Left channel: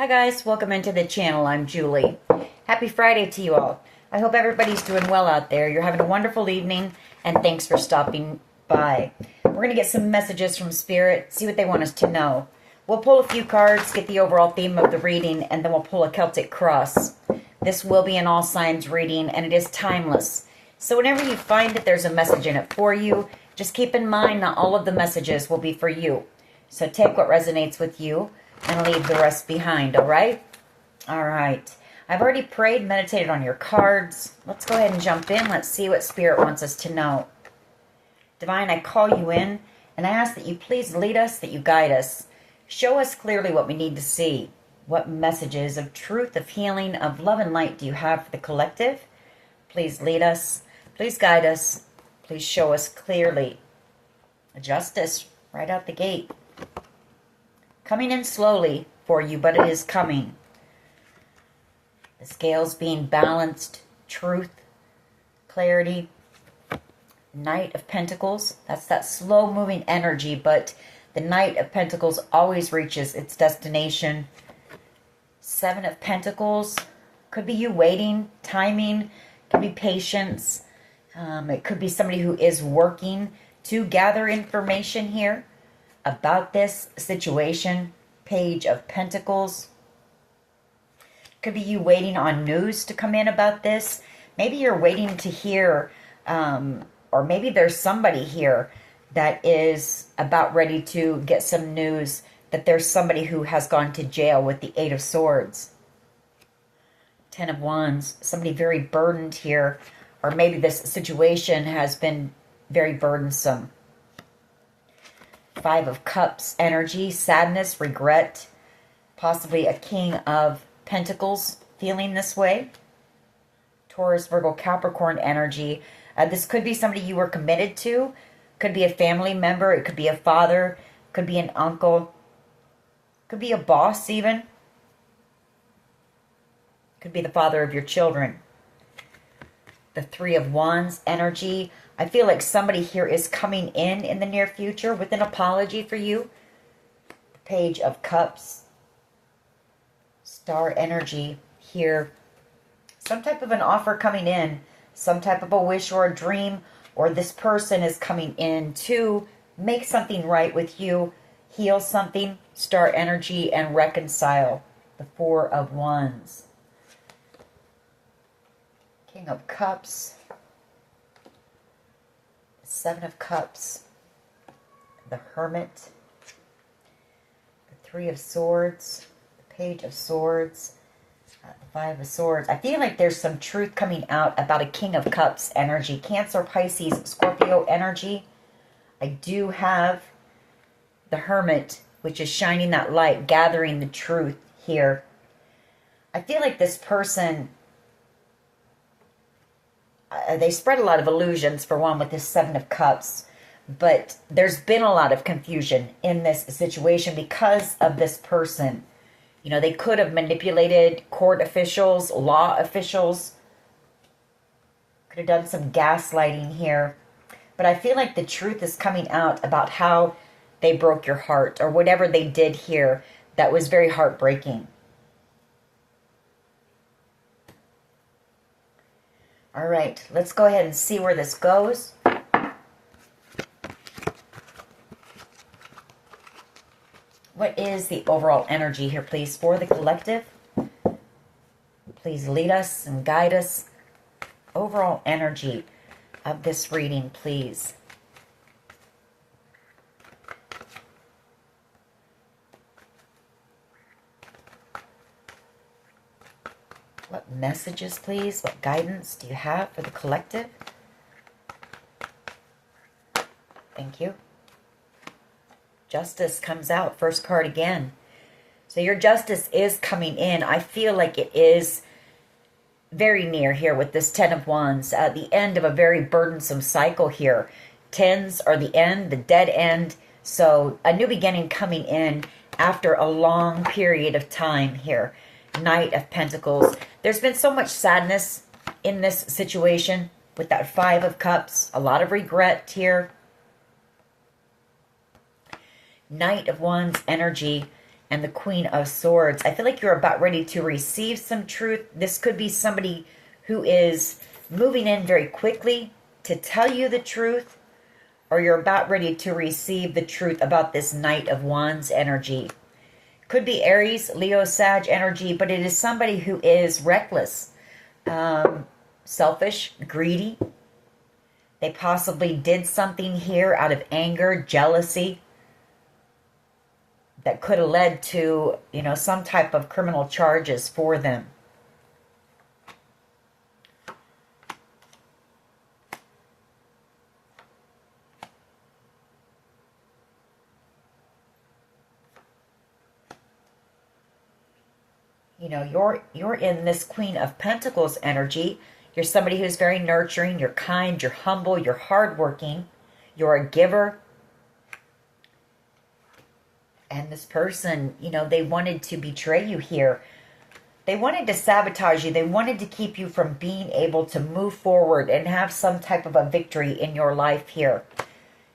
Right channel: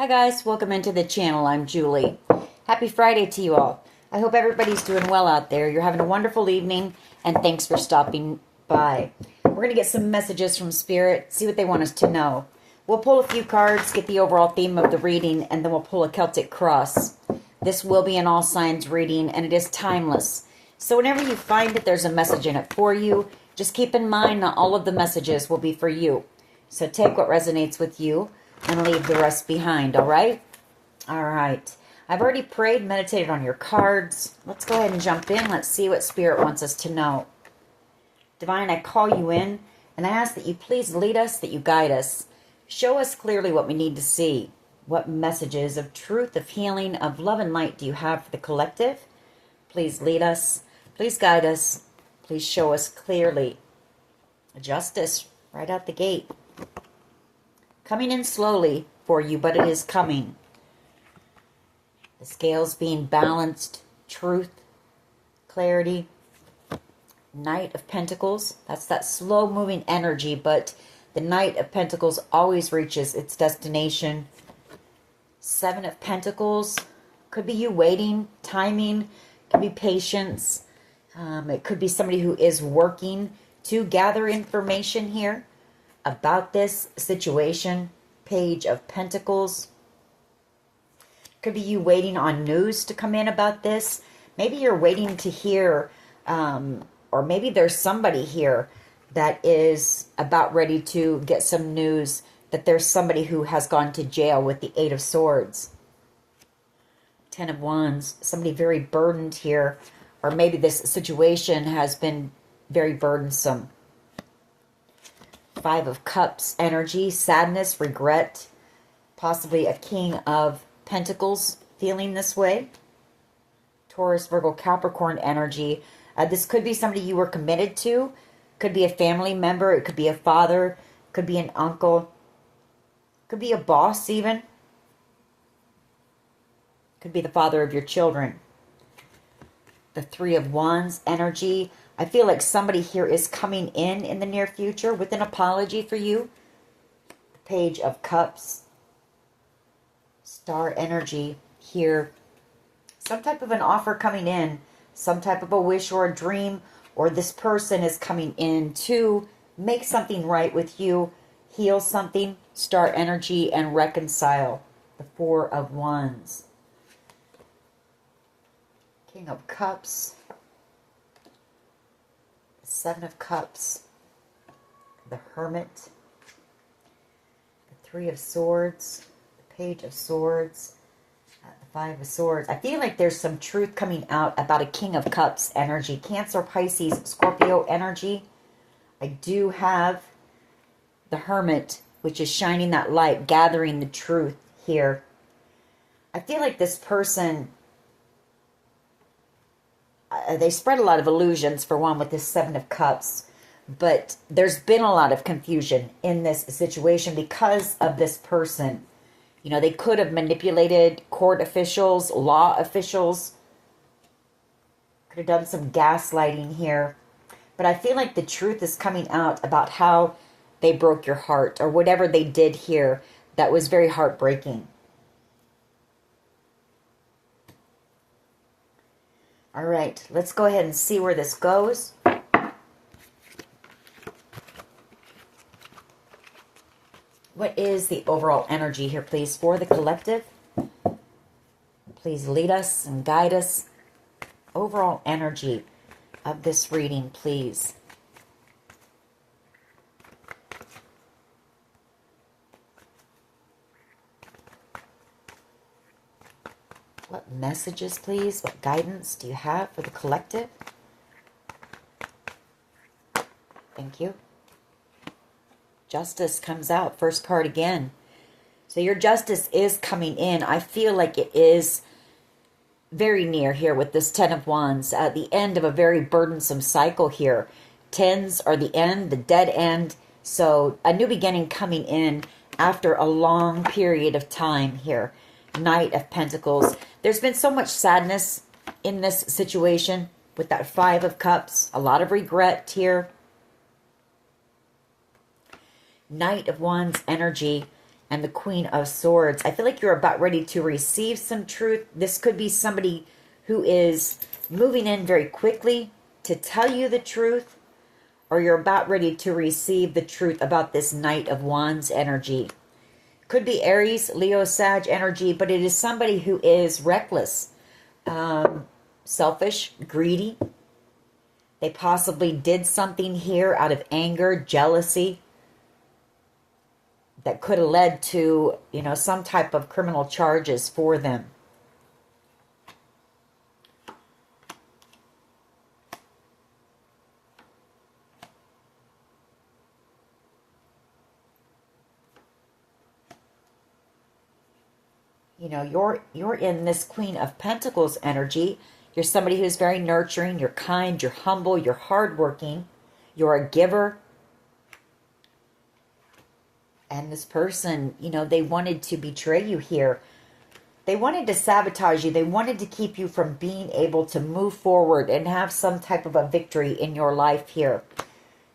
Hi guys, welcome into the channel. I'm Julie. Happy Friday to you all. I hope everybody's doing well out there. You're having a wonderful evening, and thanks for stopping by. We're going to get some messages from Spirit, see what they want us to know. We'll pull a few cards, get the overall theme of the reading, and then we'll pull a Celtic cross. This will be an all signs reading, and it is timeless. So whenever you find that there's a message in it for you, just keep in mind that all of the messages will be for you. So take what resonates with you and leave the rest behind, all right? All right. I've already prayed, meditated on your cards. Let's go ahead and jump in. Let's see what Spirit wants us to know. Divine, I call you in, and I ask that you please lead us, that you guide us. Show us clearly what we need to see. What messages of truth, of healing, of love and light do you have for the collective? Please lead us. Please guide us. Please show us clearly. Justice right out the gate. Coming in slowly for you, but it is coming. The scales being balanced. Truth. Clarity. Knight of Pentacles. That's that slow-moving energy, but the Knight of Pentacles always reaches its destination. Seven of Pentacles. Could be you waiting, timing. Could be patience. It could be somebody who is working to gather information here about this situation. Page of Pentacles. Could be you waiting on news to come in about this. Maybe you're waiting to hear, or maybe there's somebody here that is about ready to get some news that there's somebody who has gone to jail with the Eight of Swords. Ten of Wands. Somebody very burdened here, or maybe this situation has been very burdensome. Five of Cups energy, sadness, regret, possibly a King of Pentacles feeling this way. Taurus, Virgo, Capricorn energy. This could be somebody you were committed to. Could be a family member. It could be a father. Could be an uncle. Could be a boss even. Could be the father of your children. The Three of Wands energy. I feel like somebody here is coming in the near future with an apology for you. Page of Cups. Star energy here. Some type of an offer coming in. Some type of a wish or a dream. Or this person is coming in to make something right with you. Heal something. Star energy and reconcile. The Four of Wands. King of Cups. Seven of Cups. The Hermit. The Three of Swords. The Page of Swords. The Five of Swords. I feel like there's some truth coming out about a King of Cups energy. Cancer, Pisces, Scorpio energy. I do have the Hermit, which is shining that light, gathering the truth here. I feel like this person, they spread a lot of illusions, for one, with this Seven of Cups. But there's been a lot of confusion in this situation because of this person. You know, they could have manipulated court officials, law officials. Could have done some gaslighting here. But I feel like the truth is coming out about how they broke your heart, or whatever they did here that was very heartbreaking. All right, let's go ahead and see where this goes. What is the overall energy here, please, for the collective? Please lead us and guide us. Overall energy of this reading, please. What messages, please? What guidance do you have for the collective? Thank you. Justice comes out. First card again. So your justice is coming in. I feel like it is very near here with this Ten of Wands. The end of a very burdensome cycle here. Tens are the end, the dead end. So a new beginning coming in after a long period of time here. Knight of Pentacles. There's been so much sadness in this situation with that Five of Cups. A lot of regret here. Knight of Wands energy. and the Queen of Swords. I feel like you're about ready to receive some truth. This could be somebody who is moving in very quickly to tell you the truth, or you're about ready to receive the truth about this Knight of Wands energy. Could be Aries, Leo, Sag energy, but it is somebody who is reckless, selfish, greedy. They possibly did something here out of anger, jealousy, that could have led to, you know, some type of criminal charges for them. You know, you're in this Queen of Pentacles energy. You're somebody who's very nurturing, you're kind, you're humble, you're hardworking, you're a giver. And this person, you know, they wanted to betray you here. They wanted to sabotage you. They wanted to keep you from being able to move forward and have some type of a victory in your life here.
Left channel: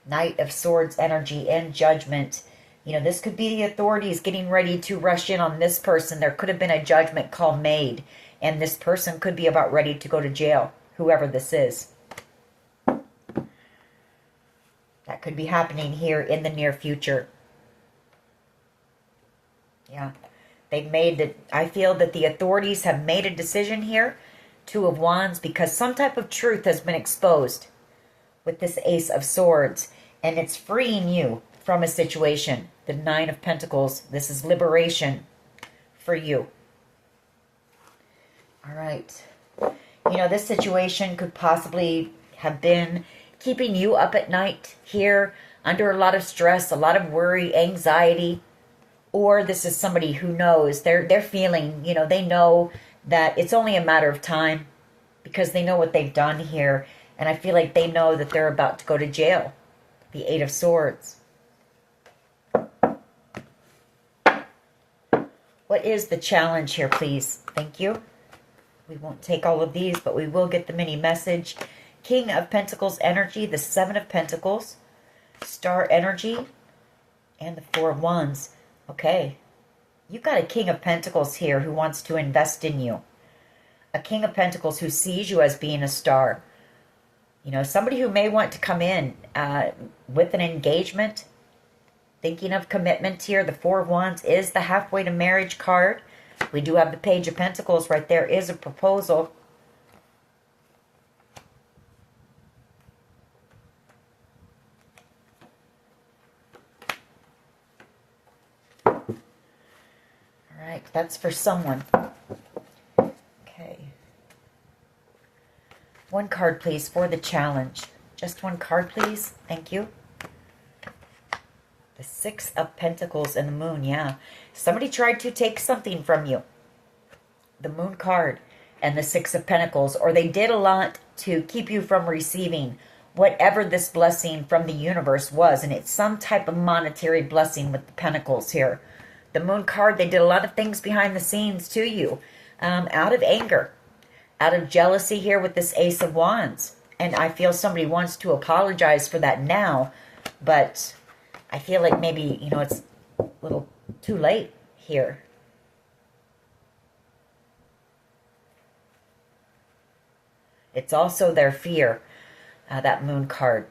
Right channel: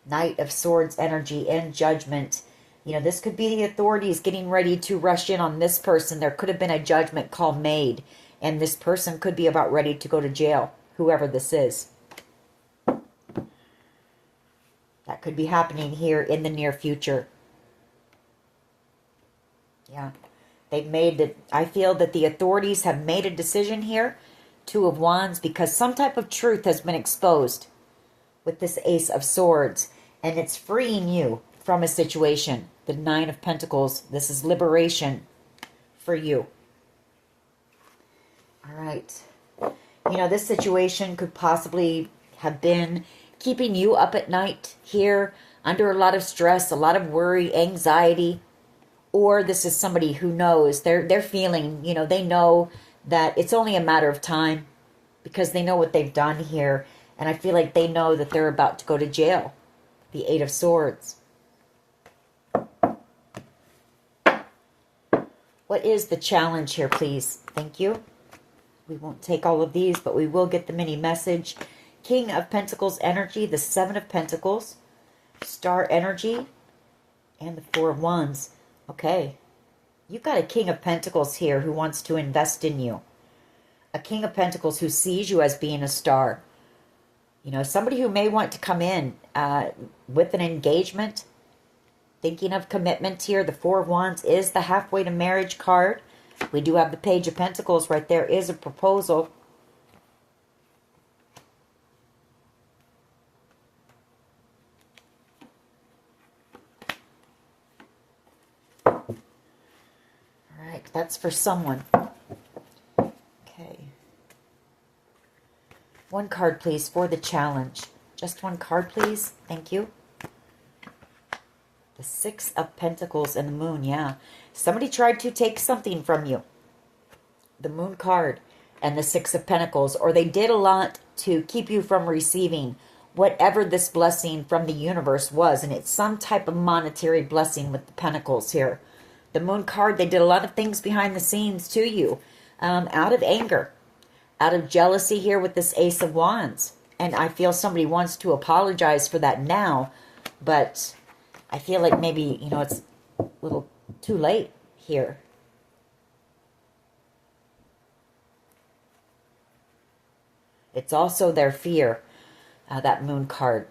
Knight of Swords energy and Judgment. You know, this could be the authorities getting ready to rush in on this person. There could have been a judgment call made, and this person could be about ready to go to jail, whoever this is. That could be happening here in the near future. Yeah, they've made it. I feel that the authorities have made a decision here, Two of Wands, because some type of truth has been exposed with this Ace of Swords, and it's freeing you from a situation. The Nine of Pentacles, this is liberation for you. All right. You know, this situation could possibly have been keeping you up at night here, under a lot of stress, a lot of worry, anxiety. Or this is somebody who knows, they're feeling, you know, they know that it's only a matter of time because they know what they've done here. And I feel like they know that they're about to go to jail. The Eight of Swords. What is the challenge here, please? Thank you. We won't take all of these, but we will get the mini message. King of Pentacles energy, the Seven of Pentacles, Star energy, and the Four of Wands. Okay, you've got a King of Pentacles here who wants to invest in you. A King of Pentacles who sees you as being a star. You know, somebody who may want to come in with an engagement, thinking of commitment here. The Four of Wands is the halfway to marriage card. We do have the Page of Pentacles right there. Is a proposal. That's for someone. Okay. One card, please, for the challenge. Just one card, please. Thank you. The Six of Pentacles and the Moon, yeah. Somebody tried to take something from you. The Moon card and the Six of Pentacles. Or they did a lot to keep you from receiving whatever this blessing from the universe was. And it's some type of monetary blessing with the Pentacles here. The Moon card, they did a lot of things behind the scenes to you. Out of anger. Out of jealousy here with this Ace of Wands. And I feel somebody wants to apologize for that now. But I feel like maybe, you know, it's a little too late here. It's also their fear, that Moon card.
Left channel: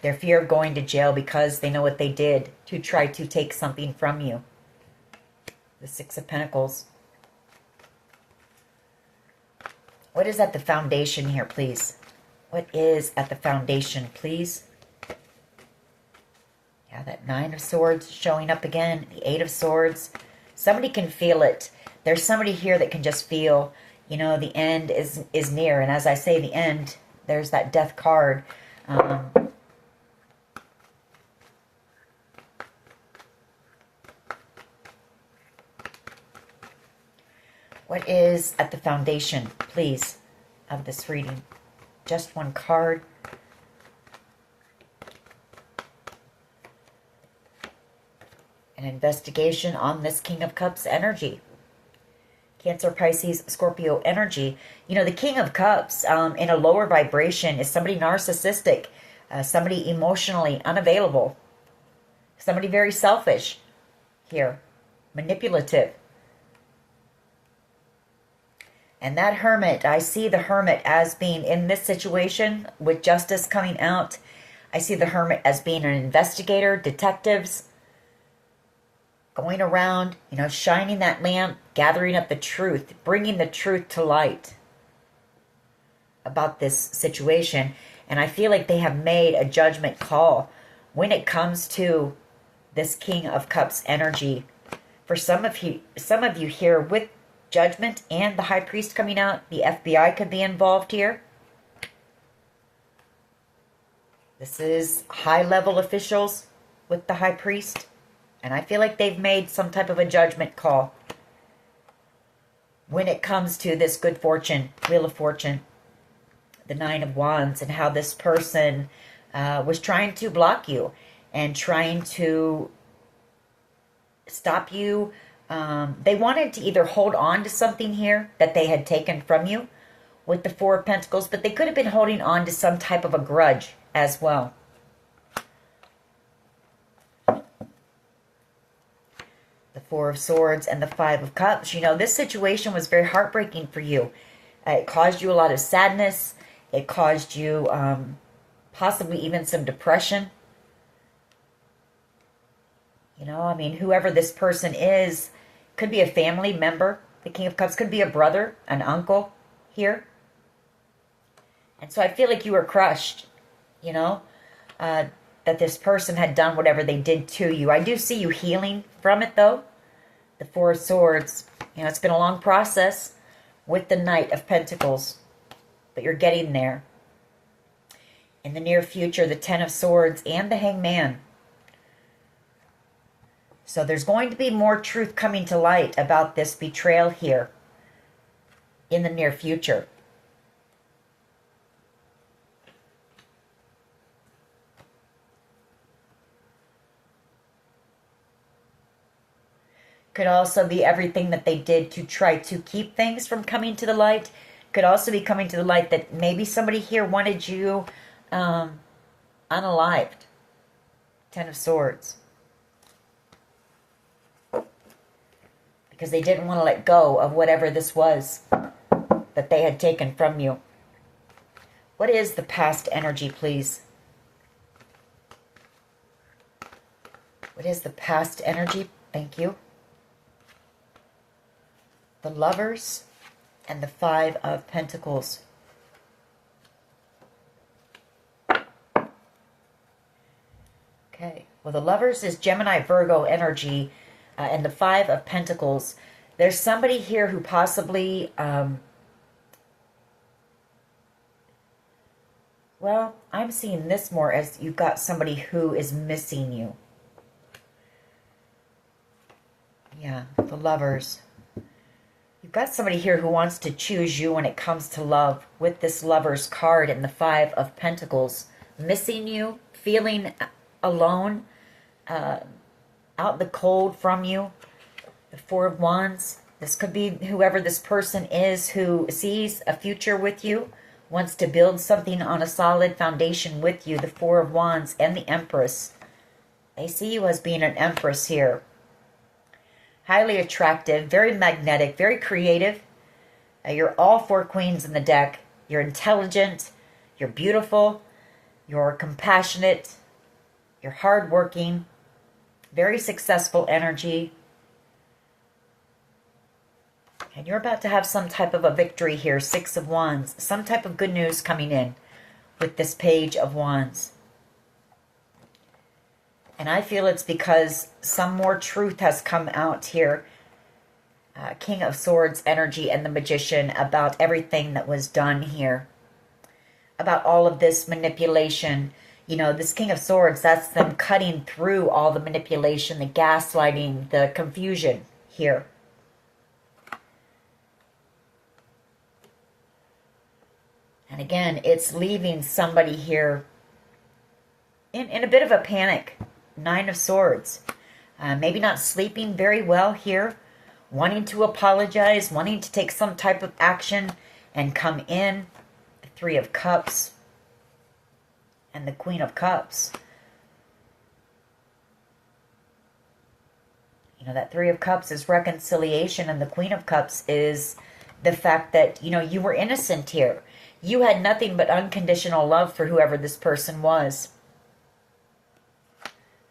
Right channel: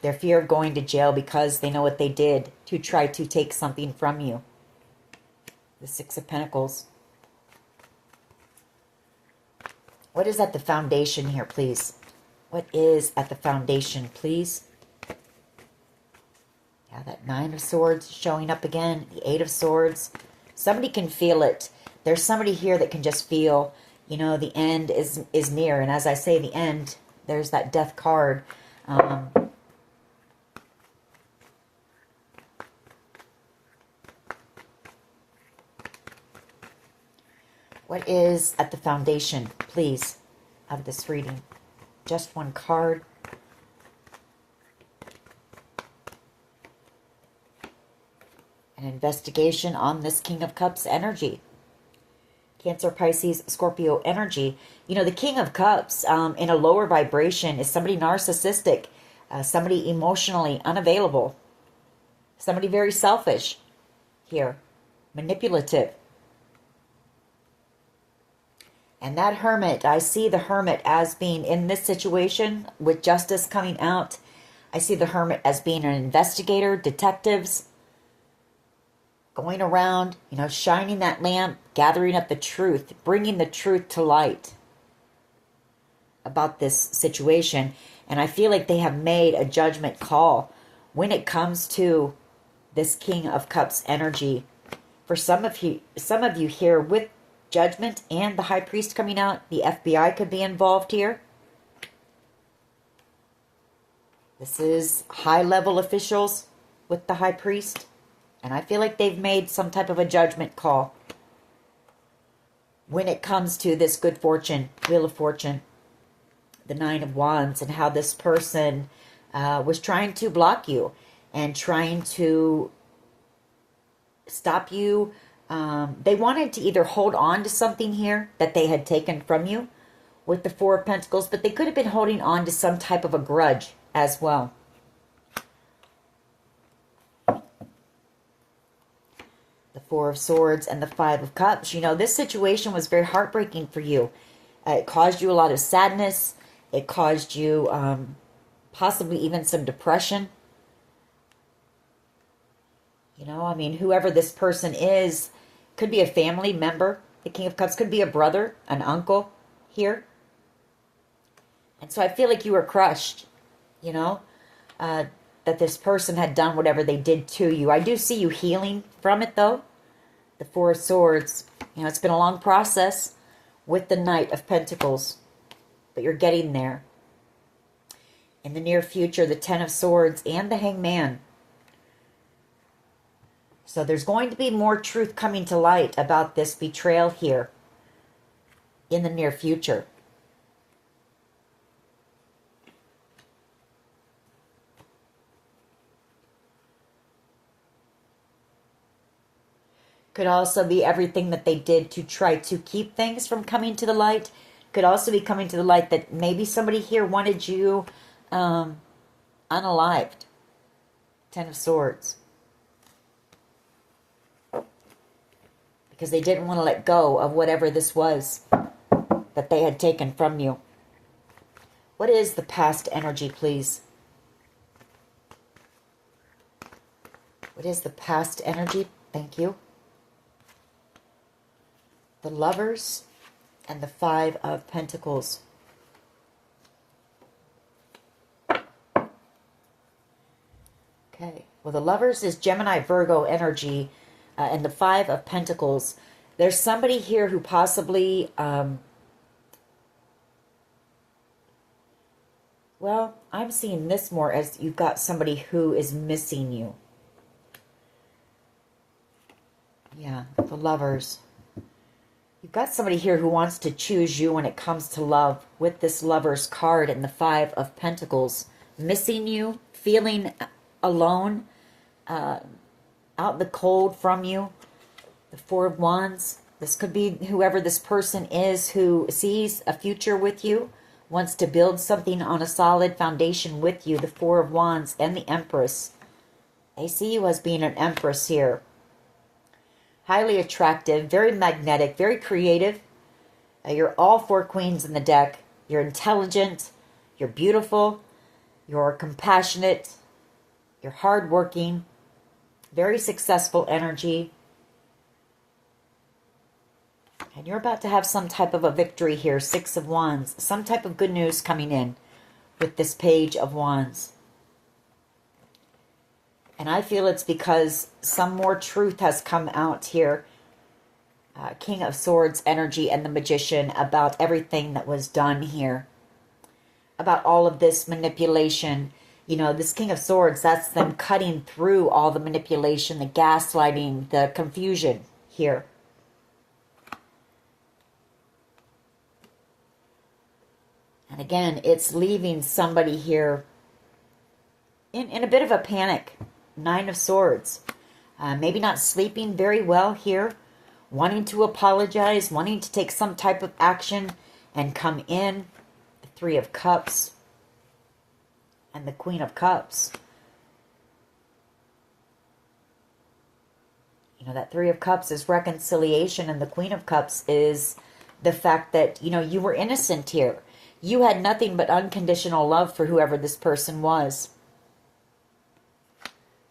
Their fear of going to jail because they know what they did to try to take something from you. The Six of Pentacles. What is at the foundation here, please? What is at the foundation, please? Yeah, that Nine of Swords showing up again. The Eight of Swords. Somebody can feel it. There's somebody here that can just feel, you know, the end is near. And as I say, the end, there's that Death card. What is at the foundation, please, of this reading? Just one card. An investigation on this King of Cups energy. Cancer, Pisces, Scorpio energy. You know, the King of Cups in a lower vibration is somebody narcissistic, somebody emotionally unavailable, somebody very selfish here. manipulative. And that Hermit, I see the Hermit as being in this situation with justice coming out. I see the Hermit as being an investigator, detectives, going around, shining that lamp, gathering up the truth, bringing the truth to light about this situation. And I feel like they have made a judgment call when it comes to this King of Cups energy. For some of you here with Judgment and the High Priest coming out, the FBI could be involved here. This is high-level officials with the High Priest. And I feel like they've made some type of a judgment call when it comes to this good fortune, Wheel of Fortune, the Nine of Wands, and how this person was trying to block you and trying to stop you. They wanted to either hold on to something here that they had taken from you with the Four of Pentacles, but they could have been holding on to some type of a grudge as well. The Four of Swords and the Five of Cups. This situation was very heartbreaking for you. It caused you a lot of sadness. It caused you possibly even some depression. Whoever this person is, could be a family member. The King of Cups could be a brother, an uncle here. And so I feel like you were crushed, that this person had done whatever they did to you. I do see you healing from it, though. The Four of Swords. It's been a long process with the Knight of Pentacles, but you're getting there. In the near future, the Ten of Swords and the Hangman. So there's going to be more truth coming to light about this betrayal here in the near future. Could also be everything that they did to try to keep things from coming to the light. Could also be coming to the light that maybe somebody here wanted you unalived. Ten of Swords. Because they didn't want to let go of whatever this was that they had taken from you. What is the past energy, please? What is the past energy? Thank you. The Lovers and the Five of Pentacles. Okay. Well, the Lovers is Gemini, Virgo energy. And the Five of Pentacles, there's somebody here who possibly, well, I'm seeing this more as you've got somebody who is missing you. Yeah, the Lovers. You've got somebody here who wants to choose you when it comes to love with this Lovers card and the Five of Pentacles. Missing you, feeling alone, out in the cold from you. The Four of Wands. This could be whoever this person is who sees a future with you, wants to build something on a solid foundation with you. The Four of Wands and the Empress. They see you as being an Empress here. Highly attractive, very magnetic, very creative. You're all four queens in the deck. You're intelligent. You're beautiful. You're compassionate. You're hardworking. Very successful energy. And you're about to have some type of a victory here. Six of Wands. Some type of good news coming in with this Page of Wands. And I feel it's because some more truth has come out here. King of Swords energy and the Magician about everything that was done here. About all of this manipulation. This King of Swords, that's them cutting through all the manipulation, the gaslighting, the confusion here. And again, it's leaving somebody here in a bit of a panic. Nine of Swords. Maybe not sleeping very well here. Wanting to apologize, wanting to take some type of action and come in. The Three of Cups. And the Queen of Cups. You know, that Three of Cups is reconciliation, and the Queen of Cups is the fact that, you know, you were innocent here. You had nothing but unconditional love for whoever this person was.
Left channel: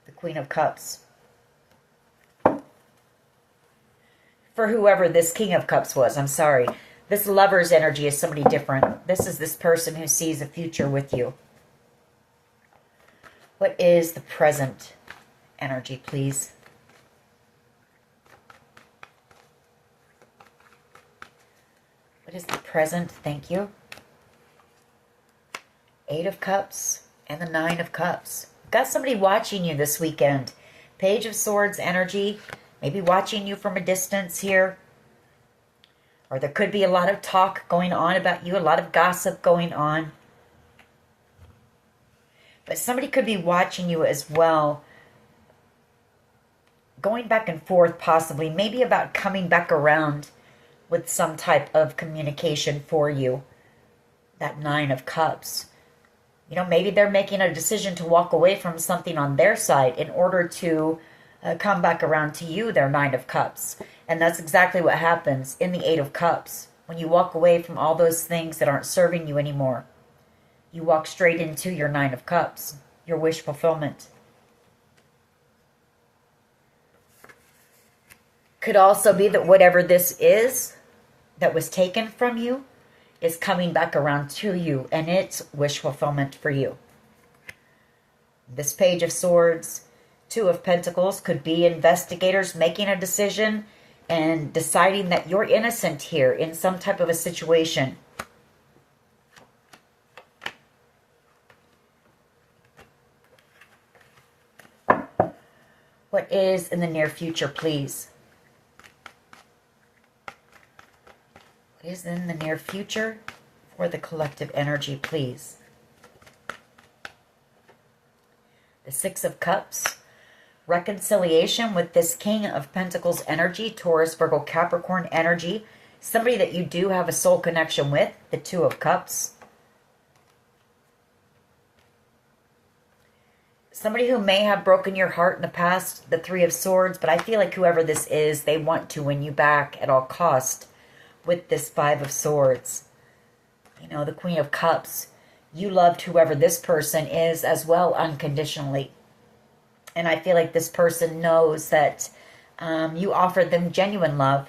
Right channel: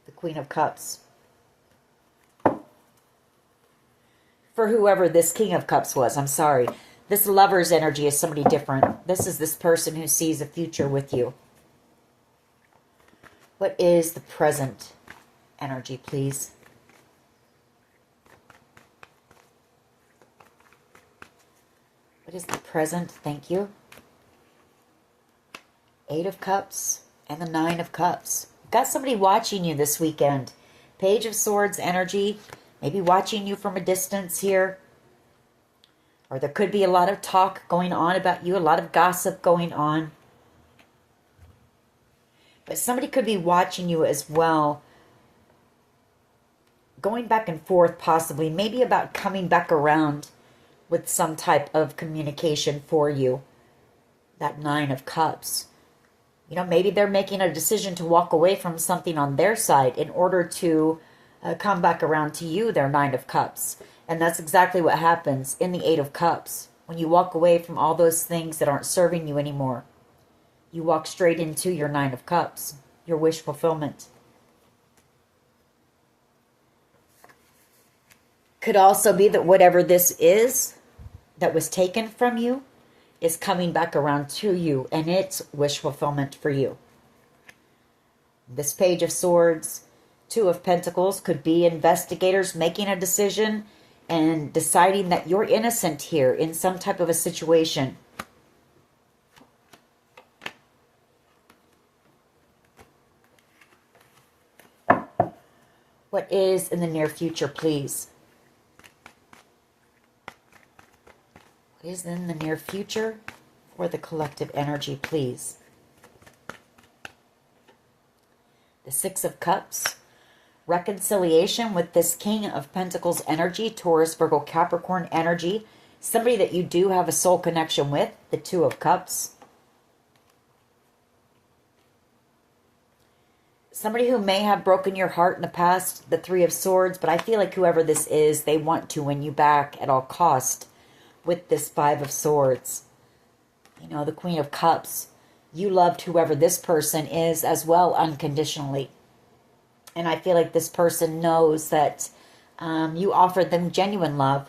The Queen of Cups. For whoever this King of Cups was, I'm sorry. This Lover's energy is somebody different. This is this person who sees a future with you. What is the present energy, please? What is the present? Thank you. Eight of Cups and the Nine of Cups. Got somebody watching you this weekend. Page of Swords energy. Maybe watching you from a distance here. Or there could be a lot of talk going on about you. A lot of gossip going on. But somebody could be watching you as well. Going back and forth possibly. Maybe about coming back around with some type of communication for you. That Nine of Cups. You know, maybe they're making a decision to walk away from something on their side in order to come back around to you, their Nine of Cups. And that's exactly what happens in the Eight of Cups. When you walk away from all those things that aren't serving you anymore, you walk straight into your Nine of Cups, your wish fulfillment. Could also be that whatever this is that was taken from you is coming back around to you, and it's wish fulfillment for you. This Page of Swords, Two of Pentacles, could be investigators making a decision and deciding that you're innocent here in some type of a situation. What is in the near future, please? What is in the near future for the collective energy, please? The Six of Cups. Reconciliation with this King of Pentacles energy, Taurus, Virgo, Capricorn energy. Somebody that you do have a soul connection with, the Two of Cups. Somebody who may have broken your heart in the past, the Three of Swords, but I feel like whoever this is, they want to win you back at all cost with this Five of Swords. You know, the Queen of Cups. You loved whoever this person is as well unconditionally. And I feel like this person knows that you offered them genuine love.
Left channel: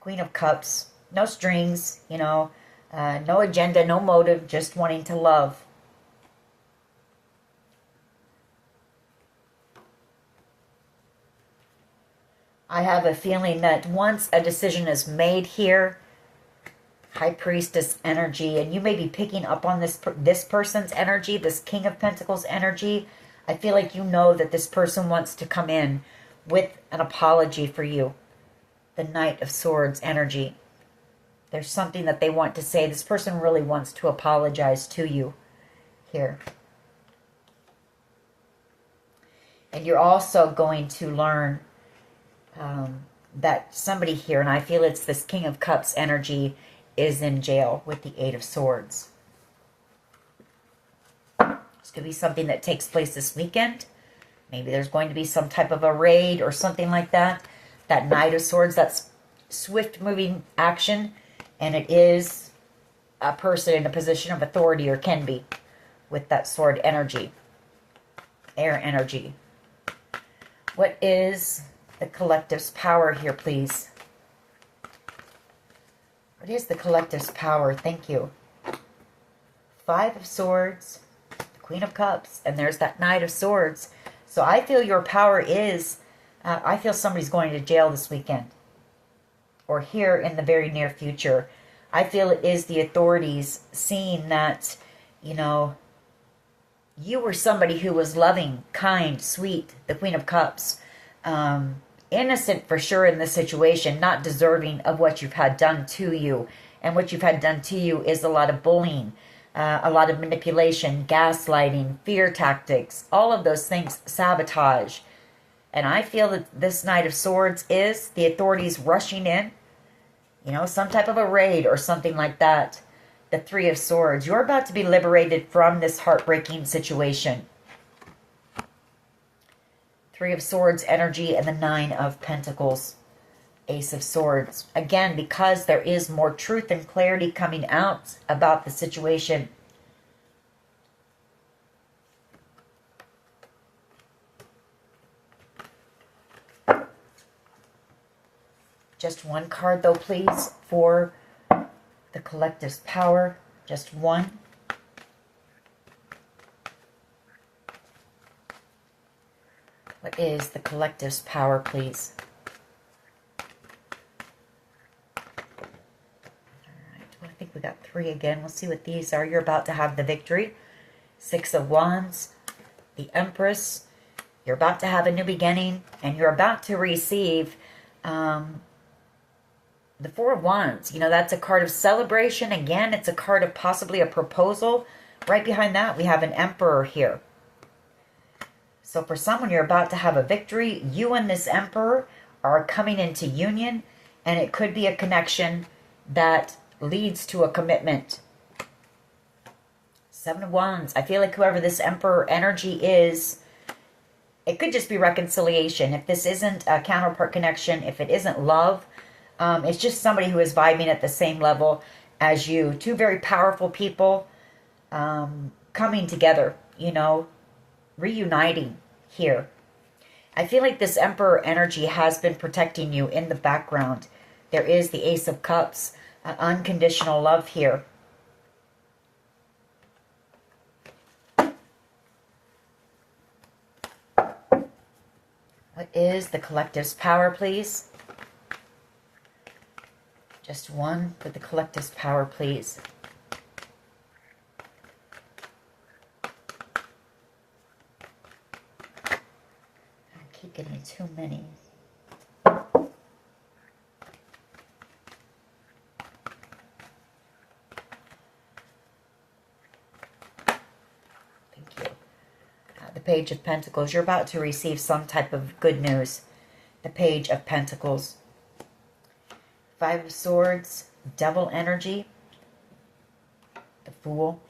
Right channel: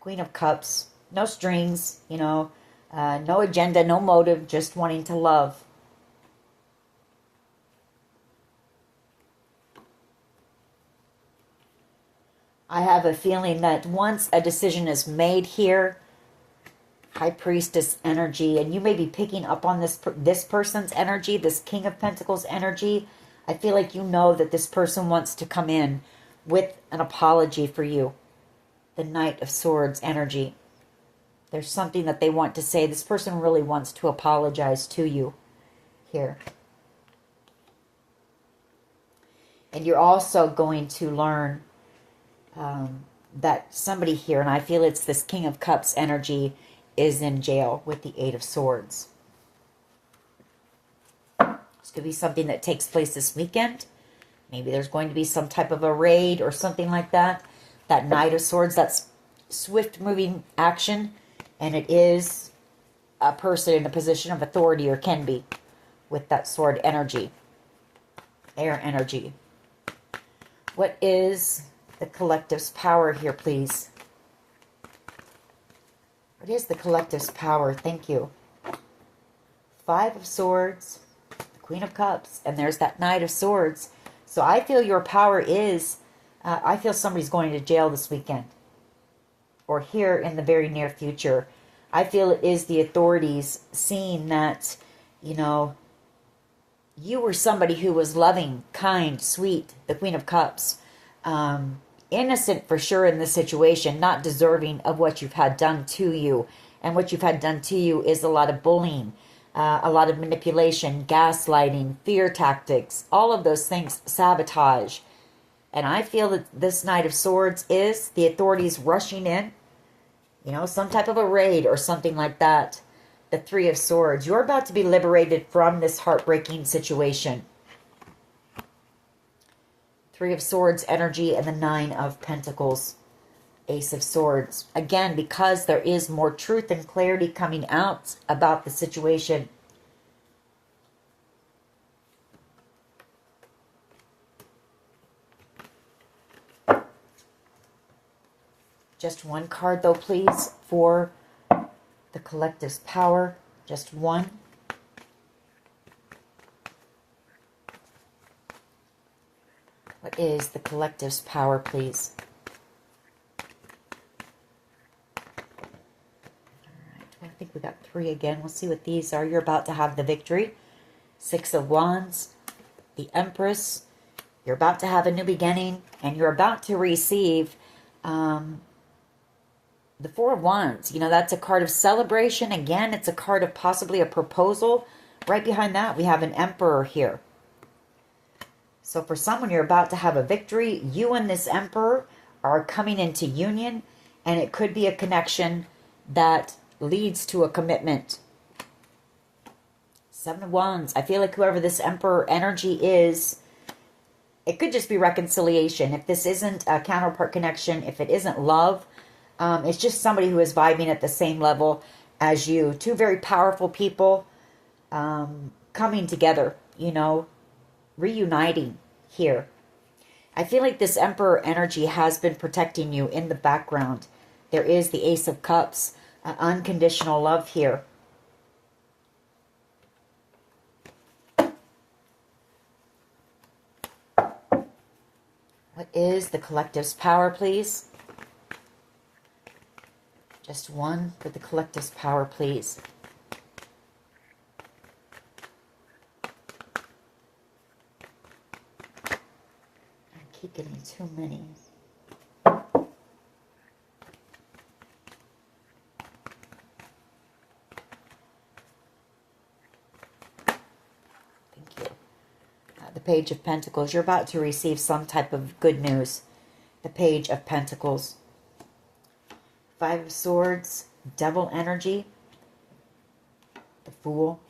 Queen of Cups. No strings, you know. No agenda, no motive, just wanting to love. I have a feeling that once a decision is made here, High Priestess energy, and you may be picking up on this person's energy, this King of Pentacles energy. I feel like you know that this person wants to come in with an apology for you. The Knight of Swords energy. There's something that they want to say. This person really wants to apologize to you here. And you're also going to learn that somebody here, and I feel it's this King of Cups energy, is in jail with the Eight of Swords. This could be something that takes place this weekend. Maybe there's going to be some type of a raid or something like that. That Knight of Swords, that's swift moving action, and it is a person in a position of authority, or can be, with that sword energy. Air energy. What is the collective's power here, please? What is the collective's power? Thank you. Five of Swords, Queen of Cups, and there's that Knight of Swords. So I feel your power is, I feel somebody's going to jail this weekend. Or here in the very near future. I feel it is the authorities seeing that, you know, you were somebody who was loving, kind, sweet, the Queen of Cups. Innocent for sure in this situation, not deserving of what you've had done to you. And what you've had done to you is a lot of bullying, a lot of manipulation, gaslighting, fear tactics, all of those things, sabotage. And I feel that this Knight of Swords is the authorities rushing in, you know, some type of a raid or something like that. The Three of Swords. You're about to be liberated from this heartbreaking situation. Three of Swords energy and the Nine of Pentacles. Ace of Swords. Again, because there is more truth and clarity coming out about the situation. Just one card, though, please, for the collective's power. Just one. What is the collective's power, please? I think we got three again. We'll see what these are. You're about to have the victory. Six of Wands, the Empress. You're about to have a new beginning, and you're about to receive the Four of Wands. You know, that's a card of celebration. Again, it's a card of possibly a proposal. Right behind that, we have an Emperor here. So for someone, you're about to have a victory. You and this Emperor are coming into union, and it could be a connection that leads to a commitment. Seven of Wands. I feel like whoever this Emperor energy is, it could just be reconciliation. If this isn't a counterpart connection, if it isn't love, it's just somebody who is vibing at the same level as you. Two very powerful people coming together, you know, reuniting here. I feel like this Emperor energy has been protecting you in the background. There is the Ace of Cups. Unconditional love here. What is the collective's power, please? Just one for the collective's power, please. I keep getting too many. The Page of Pentacles. You're about to receive some type of good news. The Page of Pentacles. Five of Swords. Devil energy. The Fool.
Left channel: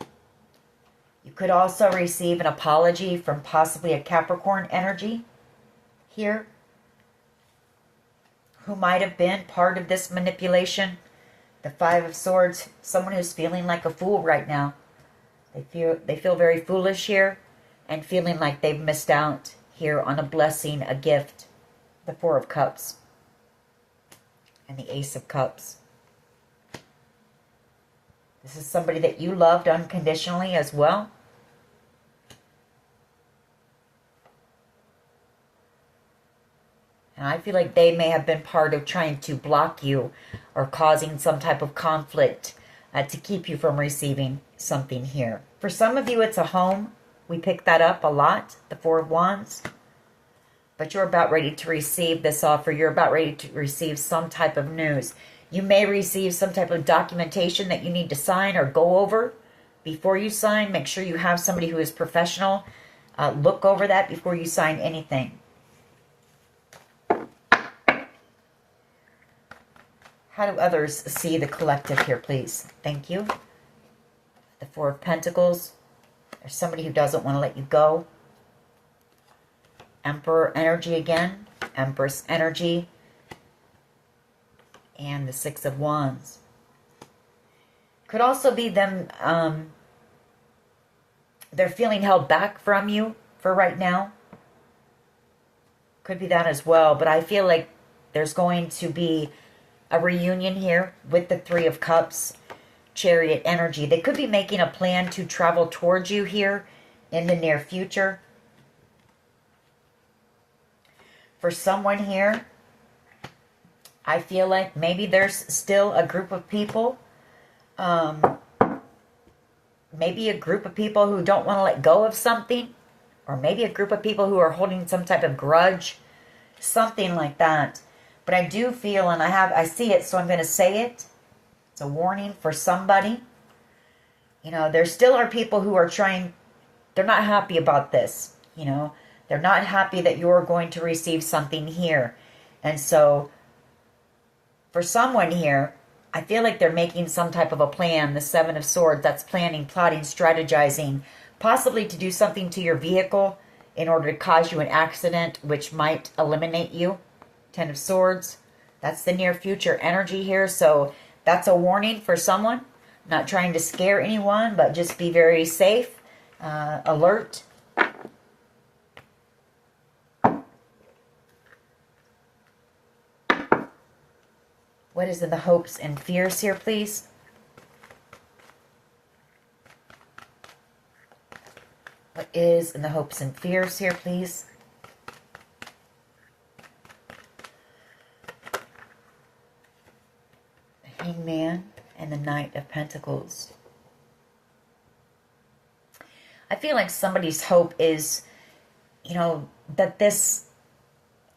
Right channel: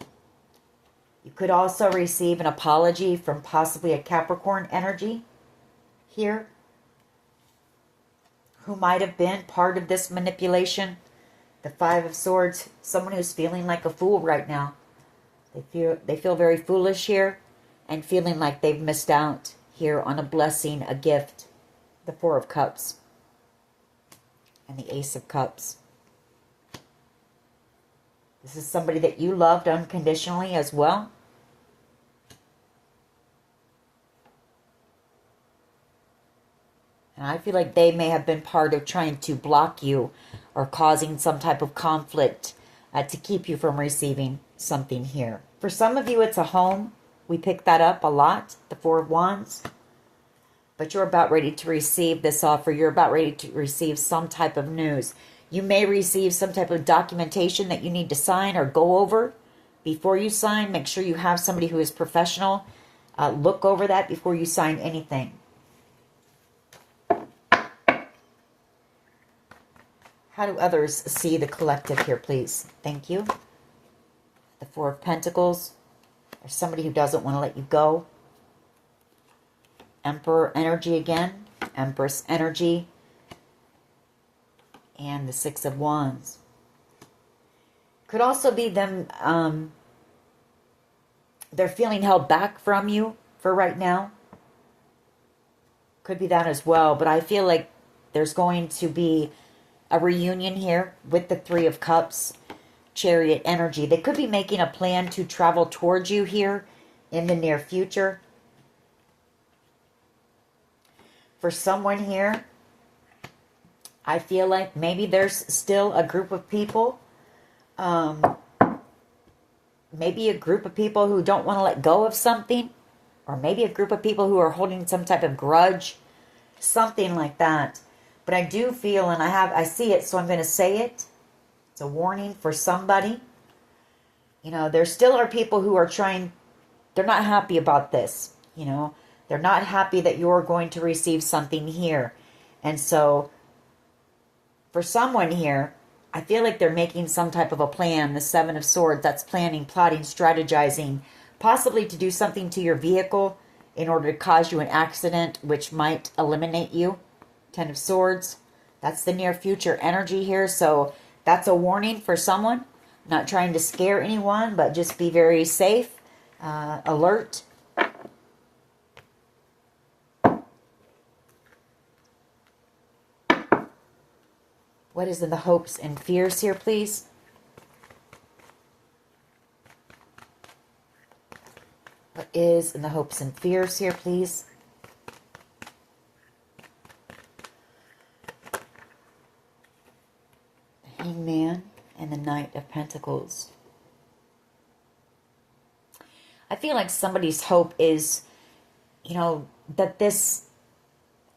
You could also receive an apology from possibly a Capricorn energy here, who might have been part of this manipulation. The Five of Swords. Someone who's feeling like a fool right now. They feel very foolish here, and feeling like they've missed out here on a blessing, a gift. The Four of Cups. And the Ace of Cups. This is somebody that you loved unconditionally as well. And I feel like they may have been part of trying to block you or causing some type of conflict to keep you from receiving something here. For some of you, it's a home. We pick that up a lot, the Four of Wands. But you're about ready to receive this offer. You're about ready to receive some type of news. You may receive some type of documentation that you need to sign or go over before you sign. Make sure you have somebody who is professional. Look over that before you sign anything. How do others see the collective here, please? Thank you. The Four of Pentacles. There's somebody who doesn't want to let you go. Emperor energy again. Empress energy. And the Six of Wands. Could also be them, they're feeling held back from you for right now. Could be that as well. But I feel like there's going to be a reunion here with the Three of Cups. Chariot energy. They could be making a plan to travel towards you here in the near future. For someone here, I feel like maybe there's still a group of people, maybe a group of people who don't want to let go of something, or maybe a group of people who are holding some type of grudge, something like that. But I do feel, and I see it, so I'm going to say it. It's a warning for somebody. You know, there still are people who are trying, they're not happy about this, you know. They're not happy that you're going to receive something here. And so, for someone here, I feel like they're making some type of a plan. The Seven of Swords, that's planning, plotting, strategizing, possibly to do something to your vehicle in order to cause you an accident, which might eliminate you. 10 of Swords. That's the near future energy here. So that's a warning for someone. Not trying to scare anyone, but just be very safe, alert. What is in the hopes and fears here, please? What is in the hopes and fears here, please? The Hangman and the Knight of Pentacles. I feel like somebody's hope is, you know, that this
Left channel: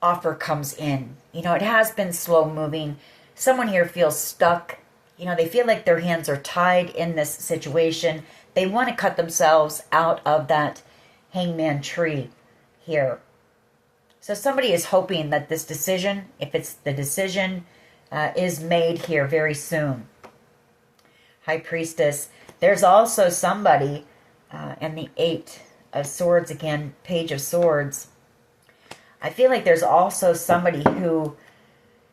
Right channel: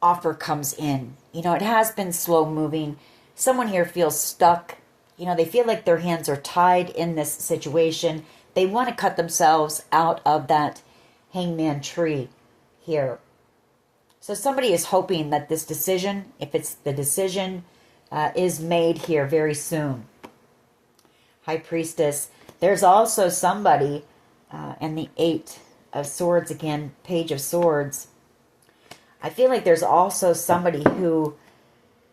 offer comes in. You know, it has been slow moving. Someone here feels stuck. You know, they feel like their hands are tied in this situation. They want to cut themselves out of that hangman tree here. So somebody is hoping that this decision, if it's the decision, is made here very soon. High Priestess. There's also somebody, and the 8 of Swords again, Page of Swords. I feel like there's also somebody who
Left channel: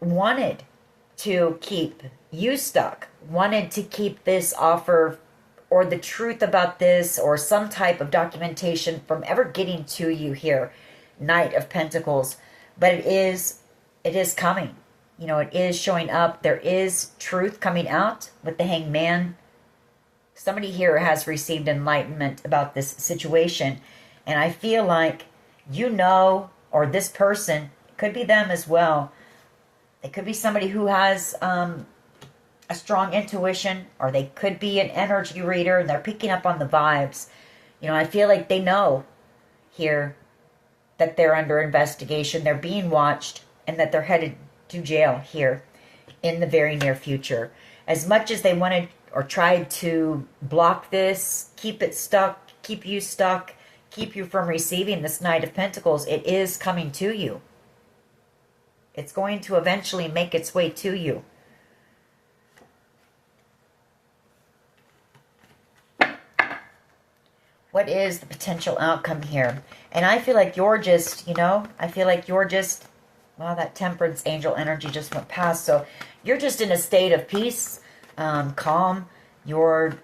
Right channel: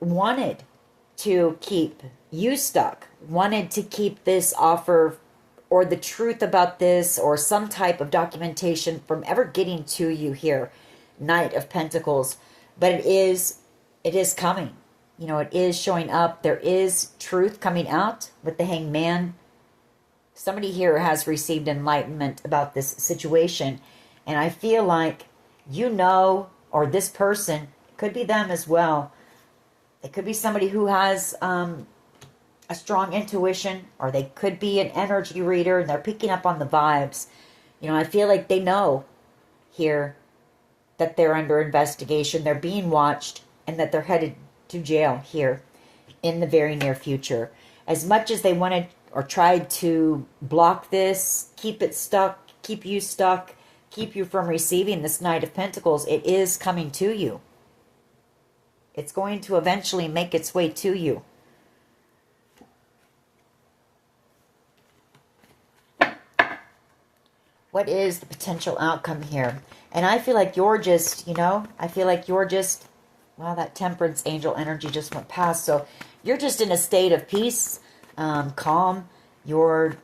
wanted to keep you stuck, wanted to keep this offer or the truth about this or some type of documentation from ever getting to you here. Knight of Pentacles. But it is coming. You know, it is showing up. There is truth coming out with the Hangman. Somebody here has received enlightenment about this situation. And I feel like, you know, or this person, it could be them as well. It could be somebody who has a strong intuition, or they could be an energy reader and they're picking up on the vibes. You know, I feel like they know here that they're under investigation, they're being watched, and that they're headed to jail here in the very near future. As much as they wanted or tried to block this, keep it stuck, keep you stuck, keep you from receiving this Knight of Pentacles, it is coming to you. It's going to eventually make its way to you. What is the potential outcome here? And I feel like you're just, you know, well, that Temperance angel energy just went past. So you're just in a state of peace, calm. You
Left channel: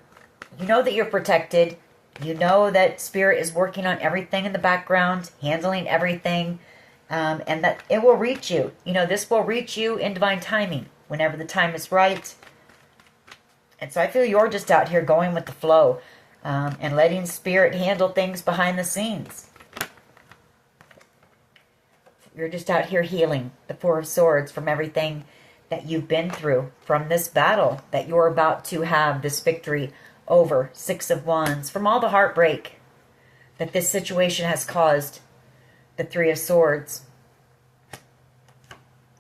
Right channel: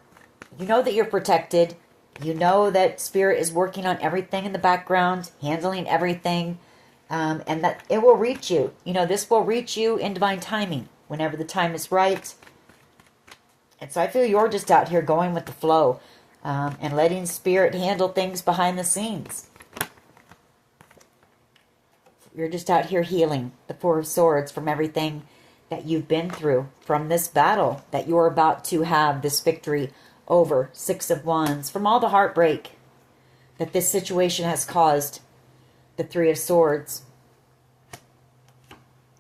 know that you're protected. You know that Spirit is working on everything in the background, handling everything. And that it will reach you. You know, this will reach you in divine timing, whenever the time is right. And so I feel you're just out here going with the flow, and letting Spirit handle things behind the scenes. You're just out here healing the 4 of Swords from everything that you've been through, from this battle that you're about to have this victory over. 6 of Wands, from all the heartbreak that this situation has caused. The 3 of Swords.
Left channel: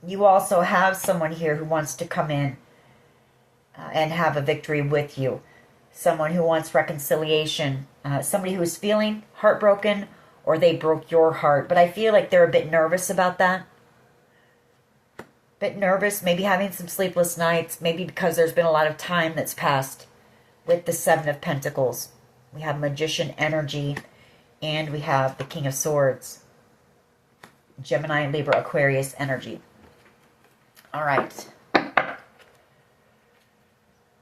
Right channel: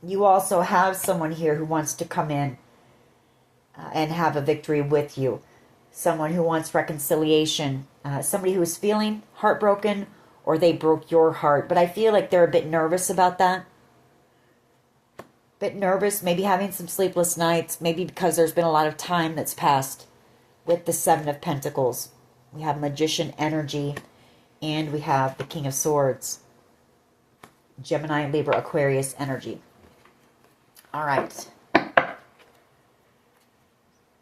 You also have someone here who wants to come in and have a victory with you. Someone who wants reconciliation. Somebody who's feeling heartbroken, or they broke your heart. But I feel like they're a bit nervous about that. Bit nervous, maybe having some sleepless nights. Maybe because there's been a lot of time that's passed with the 7 of Pentacles. We have Magician energy, and we have the King of Swords. Gemini, Libra, Aquarius energy. All right.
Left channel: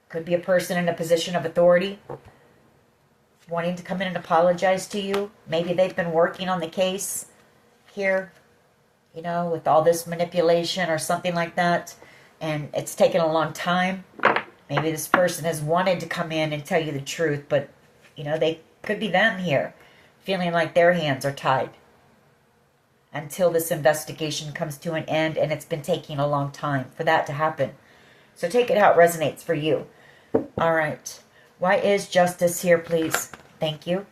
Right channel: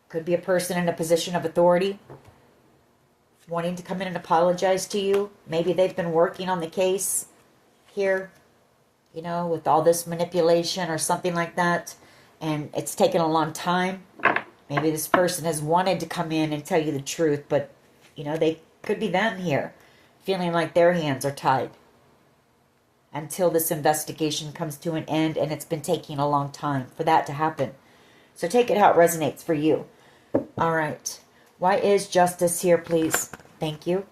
Could be a person in a position of authority wanting to come in and apologize to you. Maybe they've been working on the case here, you know, with all this manipulation or something like that, and it's taken a long time. Maybe this person has wanted to come in and tell you the truth, but, you know, they could be them here, feeling like their hands are tied until this investigation comes to an end, and it's been taking a long time for that to happen. So take it how it resonates for you. All right. Why is justice here, please? Thank you.